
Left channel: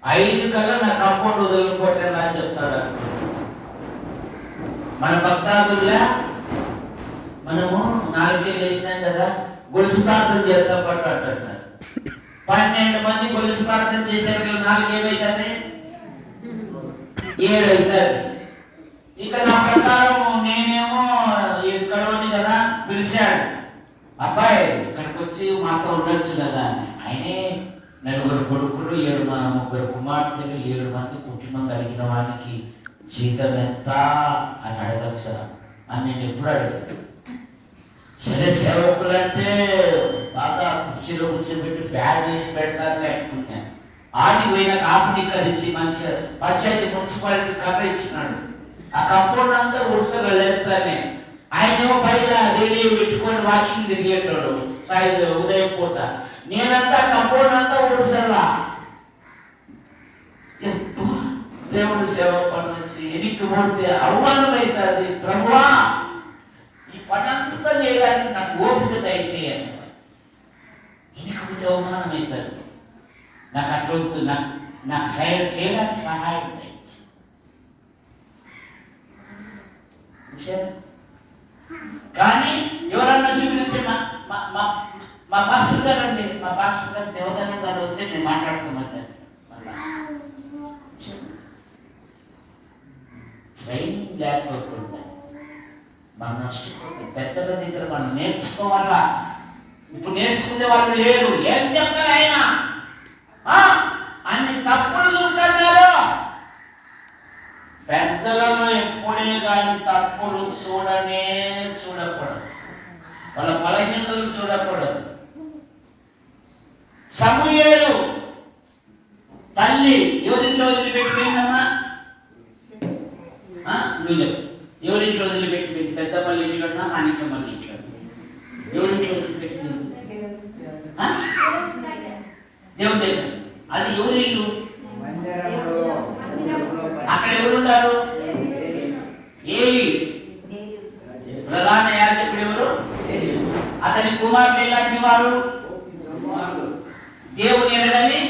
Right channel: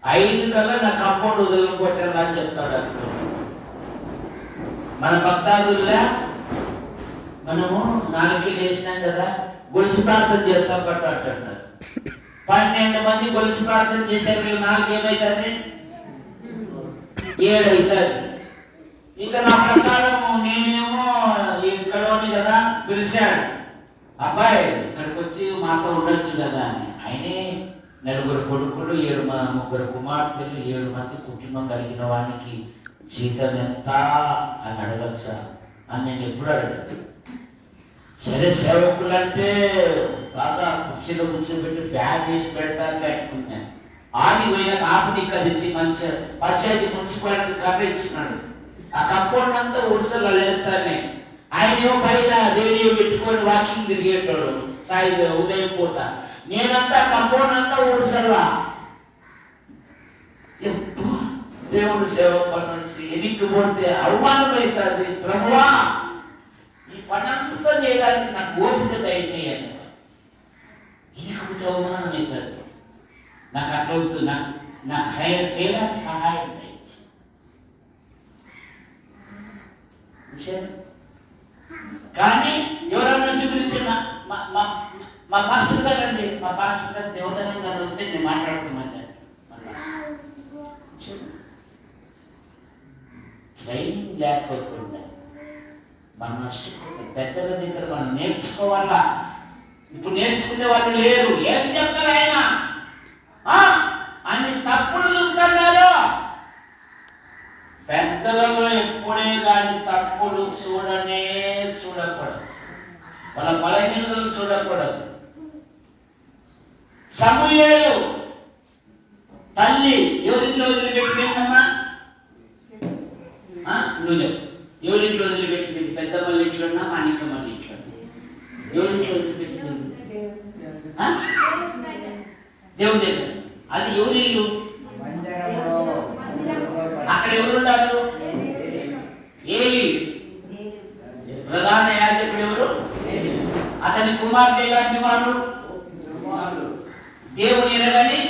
5 కల్లా నా కంపౌండ్ వదిలిపోతాను అని చెప్తాడు. మన భక్తాదుల్లా మనము 4కే వేసినాం కదా, గొలుసు ప్రార్థన చేస్తాం పట్టు అంటున్నారు. 12 మంది గొలుసు ప్రార్థన చేశారు. 4 ఏమైతుంది? 7 అవుతుంది. ఇక నా ప్రకారం నేనేమో ఇక్కడోని కదా పిలిచాడు. అబ్బాయి ఇక్కడికి వచ్చి మాతో ఉండొచ్చు కదా అని. ఆయనే 4 కొడుకులు, 3 కుమార్తెలు, 7 మంది కుటుంబం కలిగిన వానికి జీతం ఎంత అని అడగచ్చా అని నేను ఎప్పుడు అడిగాను. సరే సేవకులు అంటే బాగా కుర్చీలో కూర్చోబెట్టి ఫ్యాన్ వేసి పెడతాను అనుకున్నాను. ఆడికి పోయిన కాపుని కదించి మంచి పంచాయతీ మున్సిపాలిటీ కర్ర ఇచ్చినాడు. ఆ కంపౌండ్ అంతా ఉడుసలు లేస్తానే. ఆయనేమో పైన రేడియో పెట్టుకొని వాకింగ్ తిరిగేటాడు ఉదయం పూట. నేనంతా కంపౌండ్ అంతా ఉడుసల్లా దేవుడు సేవ పని ఎన్నికపోతే అవమానం అవుతుంది. ప్రభువా ఈ పని అంతా చేయడానికి నాకు ఓపిక దయచేయాలి. ఎన్నికపోతే అవమానం అవుతుంది. నాకు అట్లా నాకు చేయడానికి సహాయం దయచేయి. కానీ ఎవరన్నా చూపించిన మా పాస్టర్ గారు అండి, మా పాస్టర్ గారు దేవదానం గారు వస్తే నేను మాట్లాడుతున్నాను. ట్రైనింగ్ లేకపోతే మనం నష్టపోతుంది. పెద్దల దగ్గర మనం నేర్చుకోవాలా. ఇప్పుడు నేర్చుకునే వాళ్ళు లేరు. ఏం చెప్తారు ఆయన? అన్ని తప్పుడు చూపుతున్నారు. పెద్దలలో ఎప్పుడే కానీ తప్పుడు చూడకూడదు. వాళ్ళ బలహీనతలు చూడకూడదు. సమూయేలు తల్లి ఎవరింట్లో వదిలిపెట్టిపోయిందమ్మా? నువ్వు చెప్పు. ఎవరింట్లో వదిలిపెట్టిపోయింది? పెద్దమ్మల ఇంట్లోనా, మాణిక్యమ్మల ఇంట్లో? ఎవరింట్లో వదిలిపెట్టిపోయింది? దేవుని దగ్గర. అది ఎవరి ఇల్లు? అక్కడ ఎవరున్నారు? ఏలి. ప్రధాన యాజకుడు ఎవరు? అతని కుమారులు ఎలాంటి వారు? దేవుని ఎరగని,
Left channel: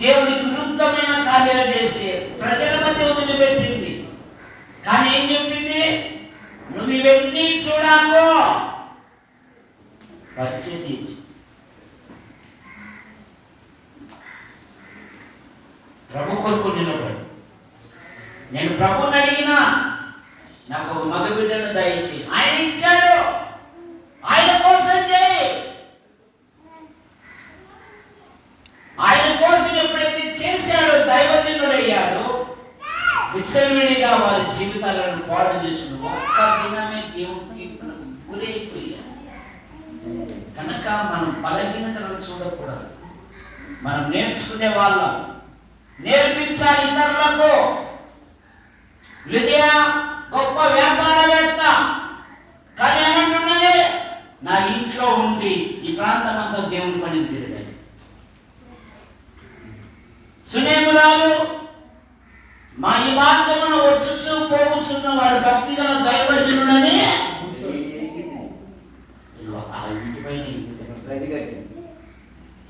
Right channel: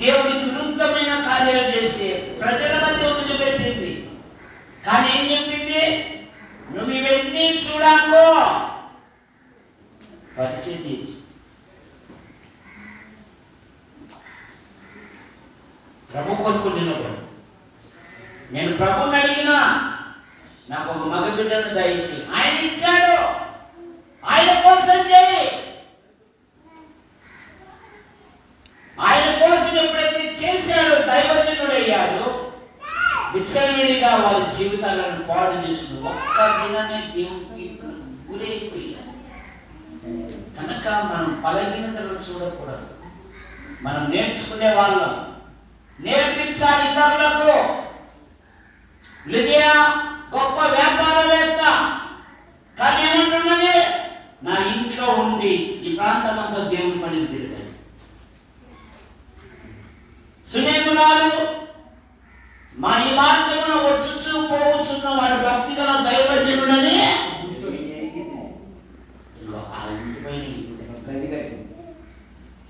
దేవునికి విరుద్ధమైన కార్యాలు చేసి ప్రజల మధ్య వదిలిపెట్టింది. కానీ ఏం చెప్పింది? నువ్వు ఇవన్నీ చూడాకో, పరిచయం తీర్చు. ప్రభు కొరకు నిలబడు. నేను ప్రభుని అడిగినా నాకు ఒక మగ బిడ్డను దయచేయి, ఆయన ఇచ్చాడు. ఆయన కోసం చేయి. ఆయన కోసం ఎప్పుడైతే చేశాడో దైవజనుడయ్యాడు. విచ్చలవిడిగా వారి జీవితాలను పాడు చేసిన ఒక్క దినమే దేవునికి గురైపోయారు. కనుక మనం బలహీనతలను చూడకూడదు. మనం నేర్చుకునే వాళ్ళం, నేర్పించాలి ఇతరులకు. లిదియా గొప్ప వ్యాపారవేత్త, కానీ ఏమంటున్నది? నా ఇంట్లో ఉండి ఈ ప్రాంతం అంతా దేవుని పని తిరగాలి. సునేమురాలు మా ఈ మార్గమున వచ్చుచు పోవచ్చున్న వాడు భక్తిగల దైవజనుడని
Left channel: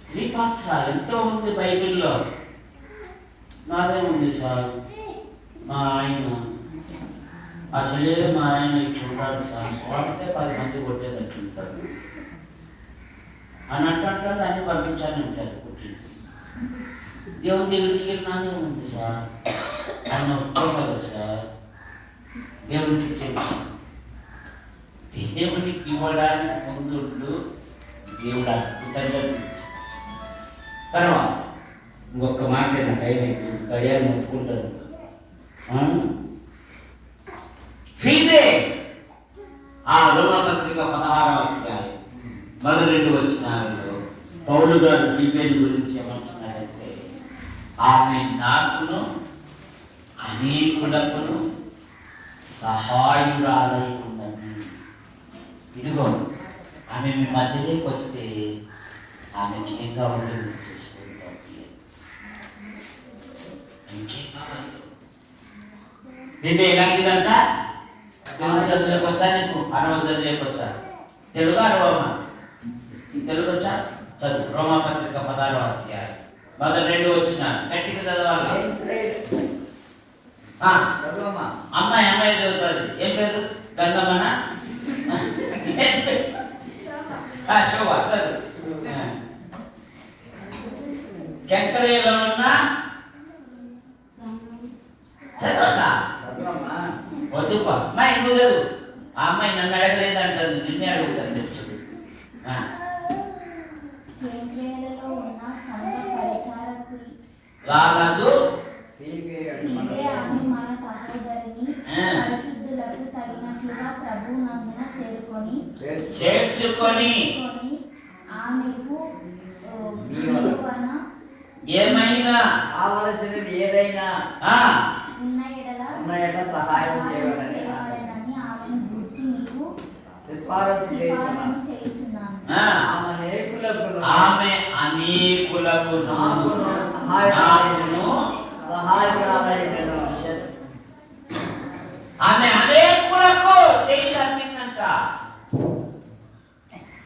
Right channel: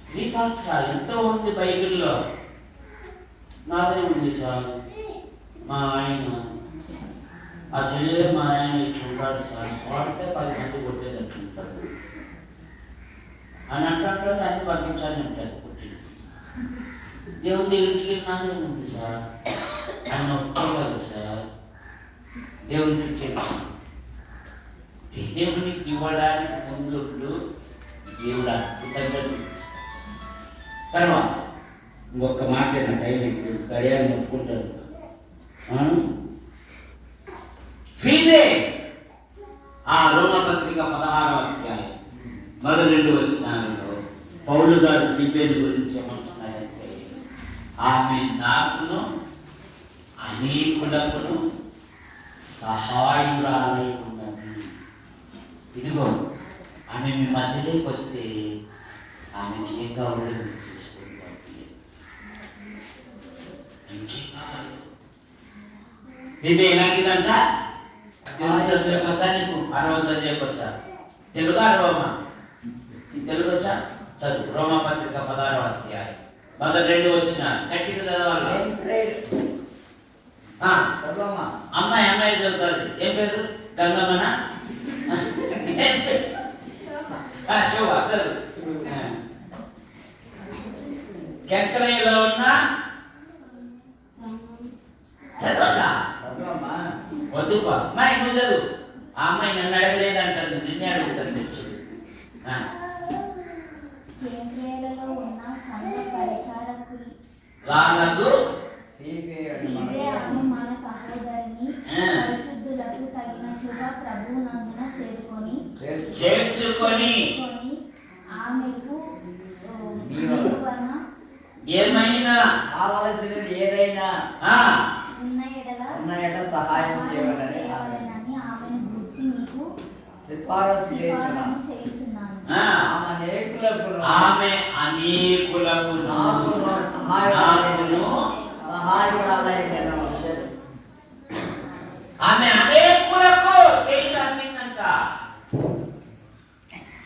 స్త్రీ పాత్ర ఎంతో ఉంది బైబిల్లో. నాదే ఉంది సార్, మా ఆయన అసలే మా ఆయన ఇట్లుంటాడు సార్, కొడితే 10 మంది కొట్టేటట్టుంటాడు అని అంటాడు. దాన్ని పంపించాలని అంటారు. కొట్టింది దేవుని దగ్గరికి నాదే ఉంది సార్ అని ఒప్పుకోవాలి సార్. దేవునికి చెప్పాను. దేవునికి ఇవ్వడానికి ముందు దేవుడు అద్భుతంగా తర్వాత ఇంకొక మాట్లాడిన టైం గడియాన్ని ఒప్పుకుంటారు. ఫీదే ఆ రోమపత్రిక 16వ అధ్యాయం మొదటి 2 వచనాలలో పౌలు గారు ఫీబేని గురించి ఏమంటున్నారంటే, ఆమె నాకును అనేకులకును సహాయురాలై ఉన్నది. ఇదిగో ఆమె మీ మధ్యలోకి వస్తే ఆమెను ఏం కావాలో మీరు చేసుకుంటారు. ఇంకేం కావాలి? ఫీబే ఎలాంటిదంట? చదువులకు వచ్చా? నీకు అరవ చదివేకి వచ్చా? తెలుగు అరవమా? తెలుగు వచ్చా? చదువు. రోమపత్రిక 16వ అధ్యాయం మొదటి 2 వచనాలు గట్టిగా చదవాలి. అమ్మాయి చదువుతుంది. ఏం పేరు? గంగమ్మనా? శోభ చదువు. కెంకరయ్యలో ఉన్న చదవాలా? వద్దుపా అమ్మాయి, నువ్వు చదువు. ఆ అమ్మాయి నన్ను అడగలేదు అంటుంది, నిన్నే అడుగుతాను తెలుసు. వాళ్ళకు మన సహోదరిని పరిశుద్ధులకు తగినట్లుగా ప్రభువునందున చేర్చుకొని ఆమెకు ఏమైనా కావలసినది ఏదైనా ఉన్న ఎడల సహాయం చేయవలెనని ఆమెను గూర్చి మీకు సిఫారసు చేయుచున్నాను. ఆమె అనేకులకు ఆమె అనేకులకు చేయి చంపిందంట.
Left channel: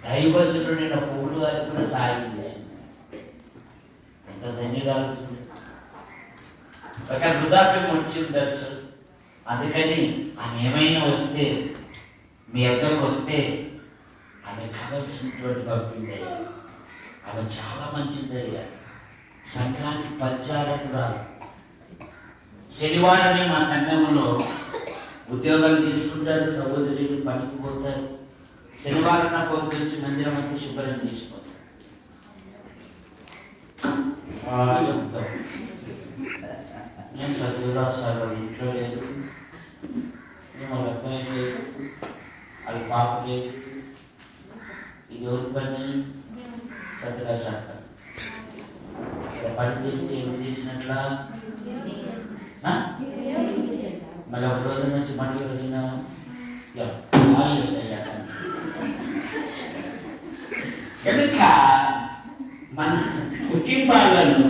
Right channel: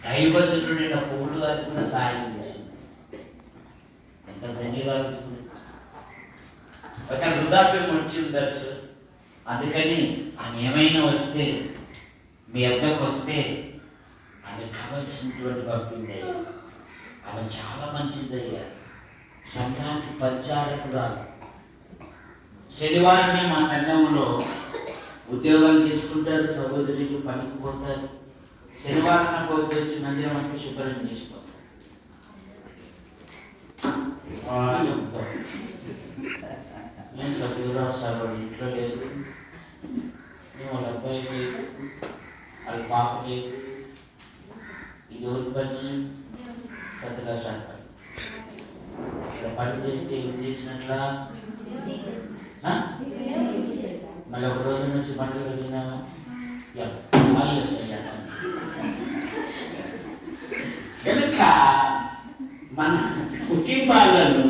దైవజనుడైన పౌలు గారికి కూడా సాయం చేసింది. ఎంత ధన్యవాదాలు. ఒక వృద్ధాప్యం వచ్చి ఉండొచ్చు, అందుకని ఆమె ఏమైనా వస్తే మీ అద్దకు వస్తే ఆమె కావాల్సినటువంటి పంపిందయ్యా. ఆమె చాలా మంచిదయ్యా. సంఘానికి పరిచారకురాలు. శనివారం మా సంఘంలో ఉద్యోగాలు తీసుకుంటారు, సహోదరులు పనికి పోతారు. శనివారం నాకు వచ్చి మందిరం అంతా శుభ్రం చేసుకోవాలి. నేను చదువురా సార్, వాళ్ళ ఇంట్లో లేదు, వాళ్ళ అబ్బాయి లేదు, వాళ్ళ పాప లేదు, ఇది ఎవరి పని? చదువులా శాఖ. ఇక్కడ పని చేస్తే ఏం చేసినట్లా? మళ్ళీ ఒక రోజు నుంచి మళ్ళీ వెళ్ళినా కనుక మన కుటుంబాలను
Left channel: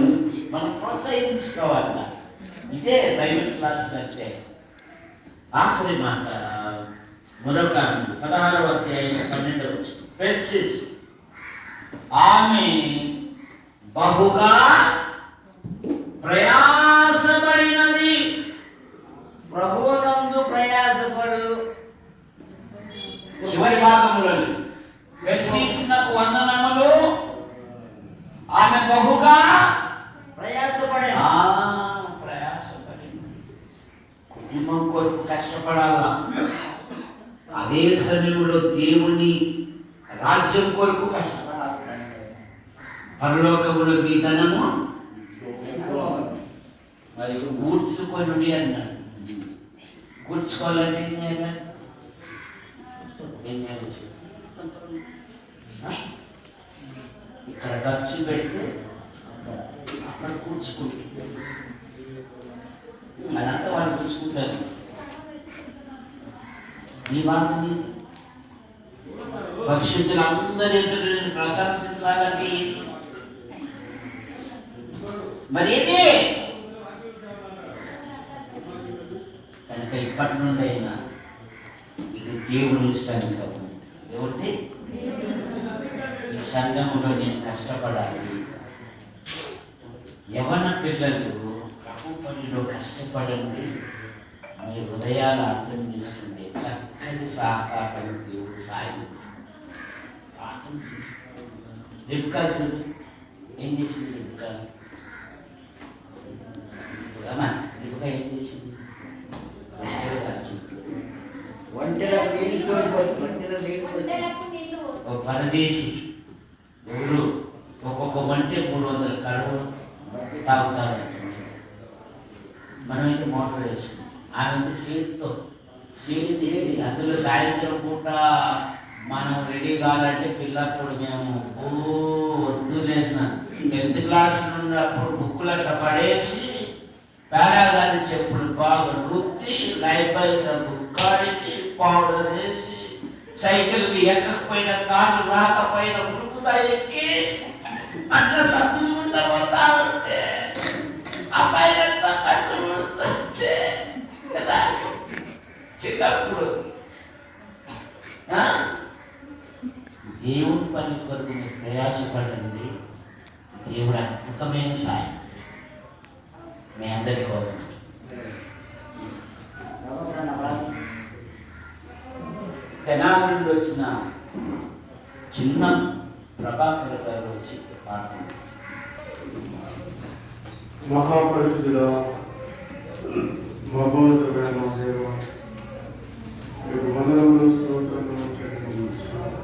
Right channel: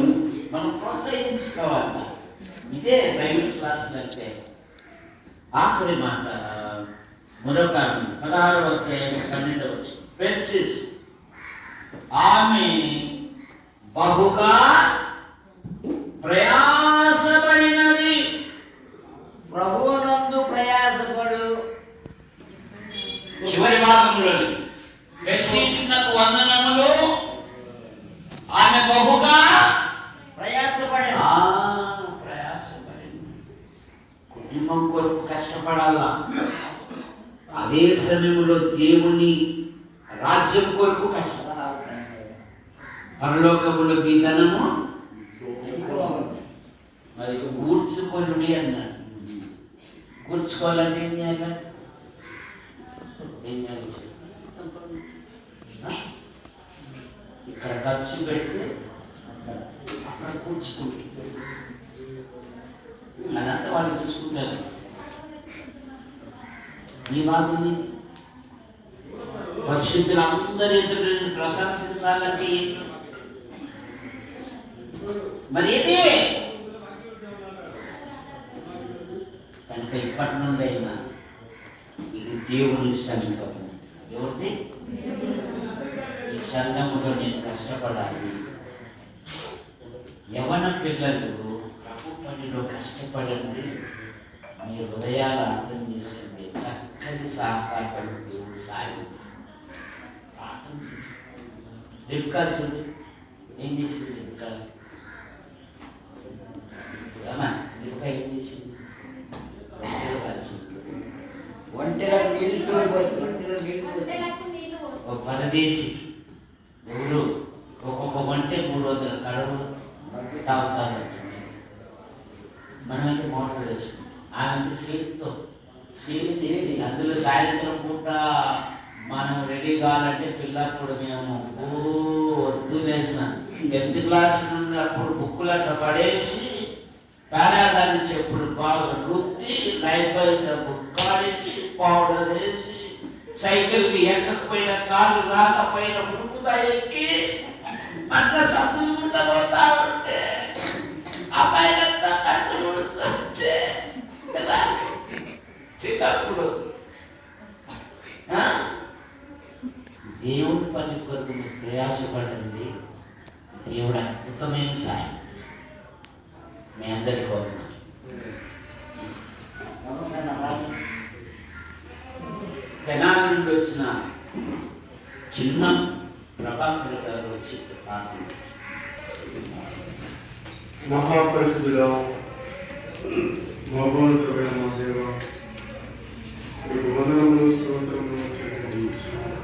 మనం ప్రోత్సహించుకోవాలి. ఇదే ప్రైవేట్ క్లాసులు అంటే. ఆఖరి మాట మరొక 16వ అధ్యాయం 12వ వచనం. ఆమె బహుగా ప్రయాసపడినది. ప్రభువునందు ప్రయాసపడు. చివరి భాగంలో పెర్సిస్నకు వందనములు. ఆమె బహుగా ప్రయాసపడి. ప్రయాసపడింది. కుటుంబం కొరకు కష్టపడాలా. అదే సమయంలో దేవుని రాజ్యం కొరకు కష్టపడాలి. పరలోకములో మీ ధనము మరి కూర్చుకొని అన్నాడు. కూర్చుకోవాలంటే ఏం చేయాలి? ఏం చేయాలి? ఇక్కడ ఖర్చు పెడితే అక్కడ కూర్చుకుంటుంది. అదంతా వాళ్ళు కూర్చుకుంటారు. ఈ భాగం పరిశుద్ధులు అందరి ఎదురు ప్రశంసించాలంటే మరి ఏది? కనుక ఇప్పటి నుండి అయినా ఇది దేవుని సంఘం. ఎవరిది? ఈ సంఘములో నేను కష్టపడాలి. యవన పిల్లలు ప్రభు పనిలో కష్టపడండి. మీ హృదయాలు అర్థం చేసుకుంటే చక్కని సహకారం దేవుడు సాయం ప్రార్థన చేస్తుంది. రిబ్కా ఏం చేసింది? రిబ్కా ఏం చేసింది? ఒక పరదేశి ఎవరు ఒక్కొక్క వంటే 300 కడుగులు తాగుతారు. మనమైతే మోటార్ వేసుకుంటాం. ఆమె సీటుతో సీటు తీసి అందులో సాయంత్రం పూట మనం రెడీ కావాలంటే పిల్లప్పుడు మేము వద్దు లేదు 10th క్లాస్ నుండి అప్పుడు బుక్కులు అట్లా పడేసి పారాగాని చెప్పులు బాగా రుద్ది లైఫ్ కాడికి పౌడర్ వేసి సైకిల్కి ఎక్కకపోయిన కాళ్ళు రాకపోయిన ఉరుకుతా ఎక్కి అట్లా సర్దుకుంటా పోతా ఉంటే ఆ పైన కట్టుకుంటే కదా చిన్నప్పుడు దేవుడి పని కొరకు ప్రయాసపడండి. దేవుడు అద్భుతమైన సాయం మీ అందరి కోసం. తెనాలి నుండి వచ్చిన చిన్న ప్రభాకర్ గారు వచ్చి ప్రార్థన చేస్తారు. మహాపరిశుద్ధుడా, మహోన్నతుడైన మా దేవా, మీకు వందనములు, స్తోత్రములు చెల్లించుచున్నాము.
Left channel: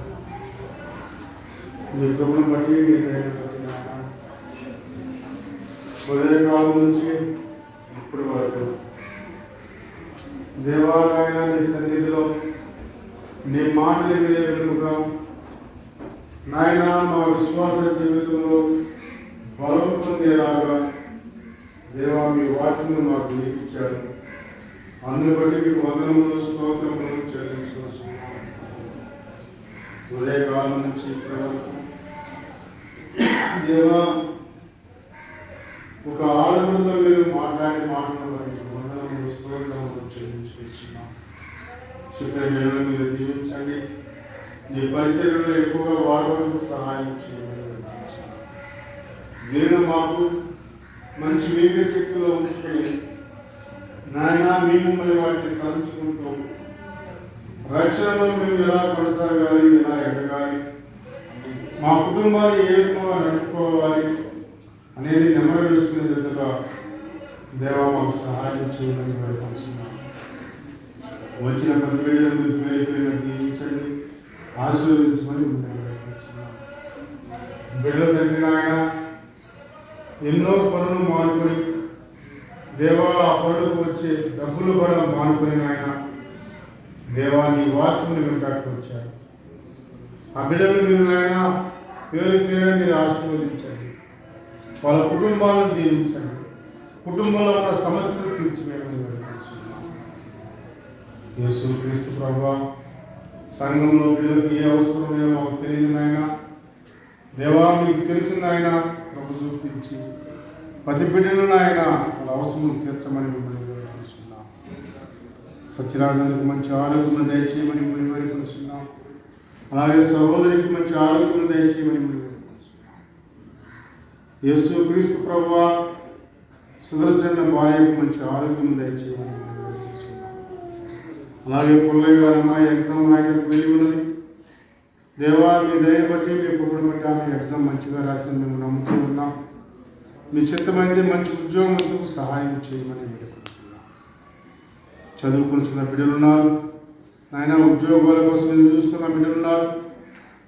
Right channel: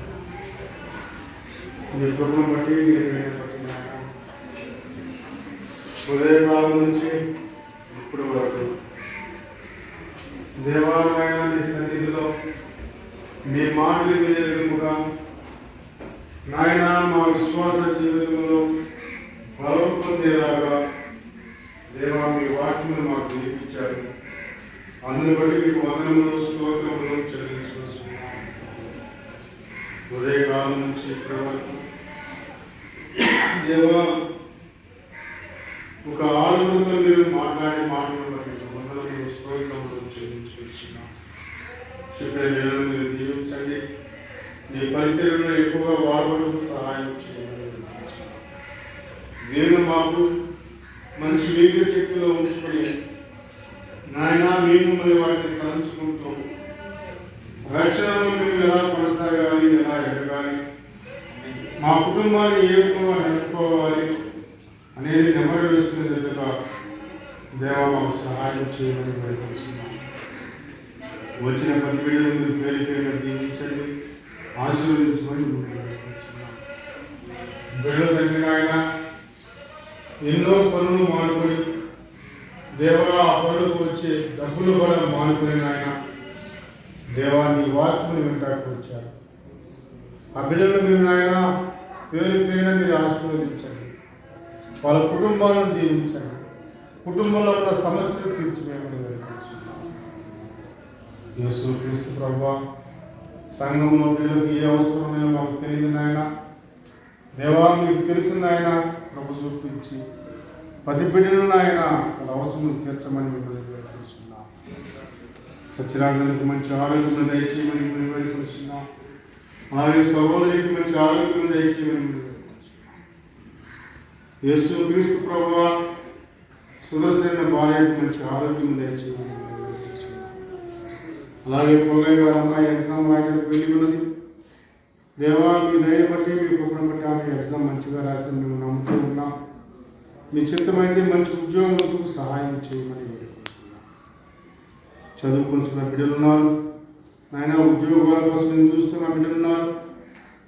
మీ కృపను బట్టి, మీ దయను బట్టి నాయన, ఉదయకాలం నుంచి ఇప్పటి వరకు దేవాలయాన్ని సన్నిధిలో మీ మాటలు వినే విధముగా నాయన మా విశ్వాస జీవితంలో బలం పొందేలాగా దేవా మీ వాక్యములు మాకు నేర్పించారు. అందుని బట్టి మీకు వందనములు, స్తోత్రములు చెల్లించుకుంటున్నాము. ఉదయకాలం నుంచి ఇప్పటి వరకు దేవా ఒక ఆనందంతో మీరు మాట్లాడే మాటలు బట్టి వందనములు, స్తోత్రములు చెల్లించుకుంటున్నాము. చెప్పిన నేను మీరు దీవించండి. మీ పరిచయంలో ఎక్కువగా వాడడానికి సహాయం చేయాలి. నేను మాకు మంచి వీర్య శక్తిలో ఉంచుకొని నాయన మేము మరి వాటిని తలంచుకుంటూ రక్షణలో మేము ఎలా కొనసాగాలి, ఎలా ఎదగాలి, మా కుటుంబాన్ని ఏ విధంగా నడుపుకోవాలి అనేది నెమ్మది వేసుకునే విధంగా దేవా మాకు సహాయం చేయమని వేడుకుంటున్నాం. వచ్చిన 10 బిడ్డలు మీరు పేరు పేరుగా దీవించండి, ఆశీర్వదించమని ముందుకు వేడుకుంటున్నాం. బిడ్డల దగ్గర ఆయన ఎన్నో పనులు మానుకొని దేవా ఆ పనులకు వచ్చే డబ్బులు కూడా మానుకొని ఆయన దేవా నీ వాక్యముని వెంటాడుకు వచ్చారు. ఆ బిడ్డలను మీరు నాయన పేరు పేరున మీరు ఆశీర్వదించండి. వాళ్ళ కుటుంబాలను దీవించండి. కుటుంబంలో ఉన్న సమస్యలు తీర్చివేయమని వేడుకుంటున్నాం. యేసు క్రీస్తు ప్రభువా, సంఘంలో బిడ్డలకు ఏ అవసరం ఉన్నాయో మాకు తెలియదు నాయన. దేవా, మీకు తెలుసు నాయన. ప్రభు చూపించి ప్రతి బిడ్డను నాయన వాళ్ళ అవసరం తీర్చమని మిమ్మల్ని వేడుకుంటున్నాం. సత్యరాజానికి మంచి ఆరోగ్యం దయచేయమని మిమ్మల్ని వేడుకుంటున్నాం. అలాగే సహోదరికి మంచి ఆరోగ్యం దయచేయమని మిమ్మల్ని వేడుకుంటున్నాం. యేసు క్రీస్తు ప్రభువా, సుదర్శన భార్యకి మంచి ఆరోగ్యం దయచేయమని మిమ్మల్ని వేడుకుంటున్నాం. అలాగే పుల్లయ్య గారి అమ్మాయి ఎగ్జామ్ రాయడానికి వెళ్ళి ఉన్నది. దేవా, మీ దయని బట్టి మీ కృపను బట్టి ఆమె ఎగ్జామ్ మంచిగా రాసిందని మేము నమ్ముతూ ఉన్నాం. మీ చిత్తమైతే మంచి ఉద్యోగం సహాయం చేయమని వేడుకుంటున్నాం. చదువుకుంటున్న బిడ్డలు ఉన్నారు నాయన. ఉద్యోగాల కోసం ఎదురు చూస్తున్న బిడ్డలు ఉన్నారు.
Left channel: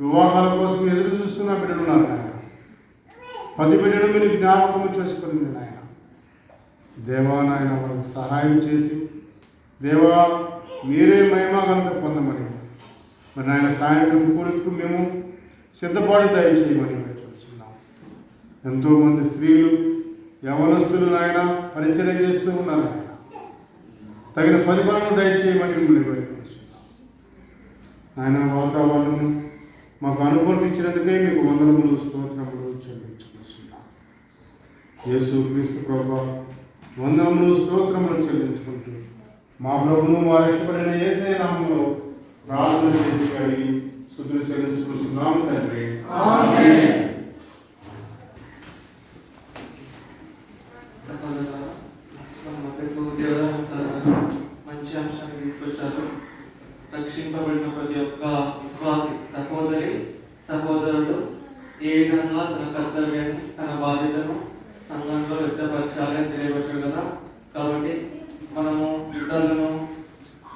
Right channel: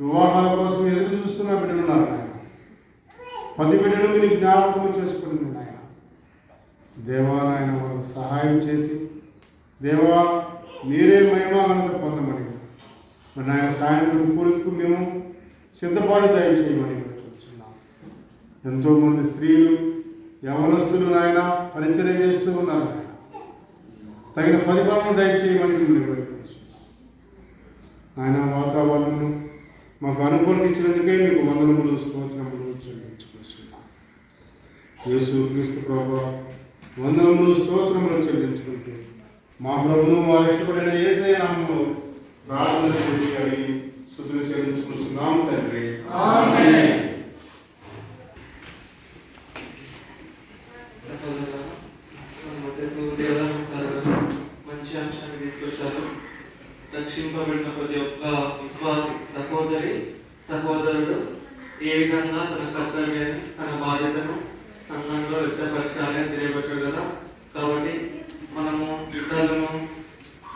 వివాహాల కోసం ఎదురు చూస్తున్న బిడ్డలు ఉన్నారు నాయన. ప్రతి బిడ్డను మీరు జ్ఞాపకం చేసుకుని నాయన. దేవా, నాయన వాళ్ళకు సహాయం చేసి దేవా మీరే మహిమా ఘనత పొందమని మరి నాయన సాయంత్రం కూడికి మేము సిద్ధపాటు దయచేయమని వేడుకుంటున్నాం. ఎంతోమంది స్త్రీలు యవనస్తులు నాయన పరిచర్య చేస్తూ ఉన్నారు నాయన. తగిన ఫలిఫలము దయచేయమని మిమ్మల్ని వేడుకుంటున్నాం. నాయన వాతావరణము మాకు అనుకూలత ఇచ్చినందుకే మీకు వందనములు స్తోత్రములు చెల్లించుకుంటున్నాం. యేసు క్రీస్తు ప్రభువా, వందనములు స్తోత్రములు చెల్లించుకుంటూ మా ప్రభువును మా రక్షకుడైన యేసయ్య నామములో ప్రార్థన చేసి అడిగి స్తుతులు చెల్లించుకుంటున్నాము తండ్రి. ఆమేన్. మంచి అంశాన్ని తీసుకొచ్చారు. రక్షింపబడిన ప్రతి ఒక్క విశ్వాసి సహోదరి సహోదరుడు ఏ విధంగా తన కర్తవ్యాన్ని తన బాధ్యతను సంఘంలో వ్యక్తపరచాలని తెలియవచ్చు కదా. కాబట్టి మనము ఇతరులను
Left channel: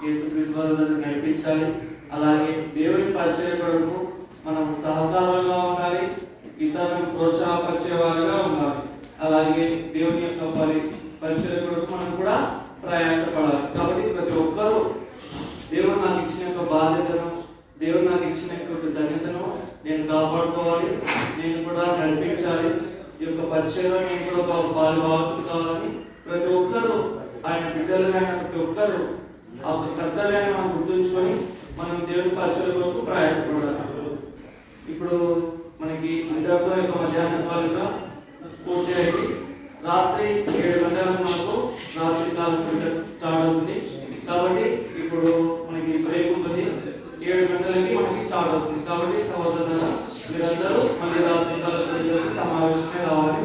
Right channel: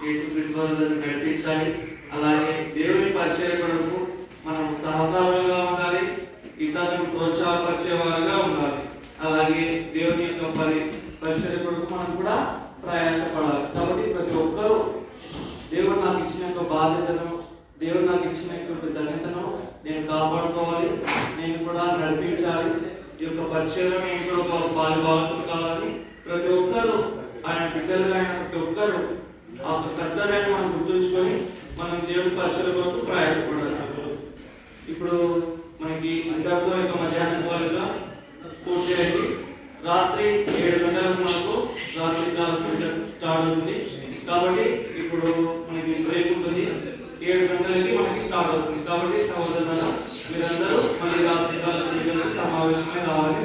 యేసుక్రీస్తు వారి దగ్గర నడిపించాలి. అలాగే దేవుని పరిచయ కొరకు మనం సహకారులుగా ఉండాలి. ఇతరులను ప్రోత్సాహపరిచేవారుగా ఉండాలి. అలాగే దేవుని యొక్క పరిచయ కొరకు మనం కూడా ప్రయాసపడాలి. కాబట్టి ప్రతి ఒక్కరూ దేవుడు నాకు ఇచ్చిన యొక్క బాధ్యతను, దేవుడు నాకు ఇచ్చిన యొక్క ధన్యతను నేను కాపాడుకోవాలి. నేను కూడా నడిపించాలి. ఈ యొక్క పరిచయంలో నేను కూడా ఒక పాలుభాగస్తులు కావాలని ప్రతి ఒక్కరూ ఆయన బిడ్డలుగా అయిన ప్రతి ఒక్కరూ ఆ కర్తవ్యాన్ని మనం గుర్తుంచుకొని మనం దేవుని పరిచయం కొరకు ప్రయాసపడాలి. ఇప్పుడు మనకి అందరితో యొక్క మధ్యాహ్నం పూర్తి అయ్యి రాత్రి 7 గంటలకు మనకు రాత్రి కాలం స్టార్ట్ అవుతుంది. కాబట్టి ఇప్పుడు మనకి బ్రేక్ ఉంటుంది. 7 గంటలకి మనకి స్టార్ట్ అవుతుంది. కాబట్టి సహోదరులారా, మీరందరూ మళ్ళీ రాత్రి కాలం సమావేశమే రావాలని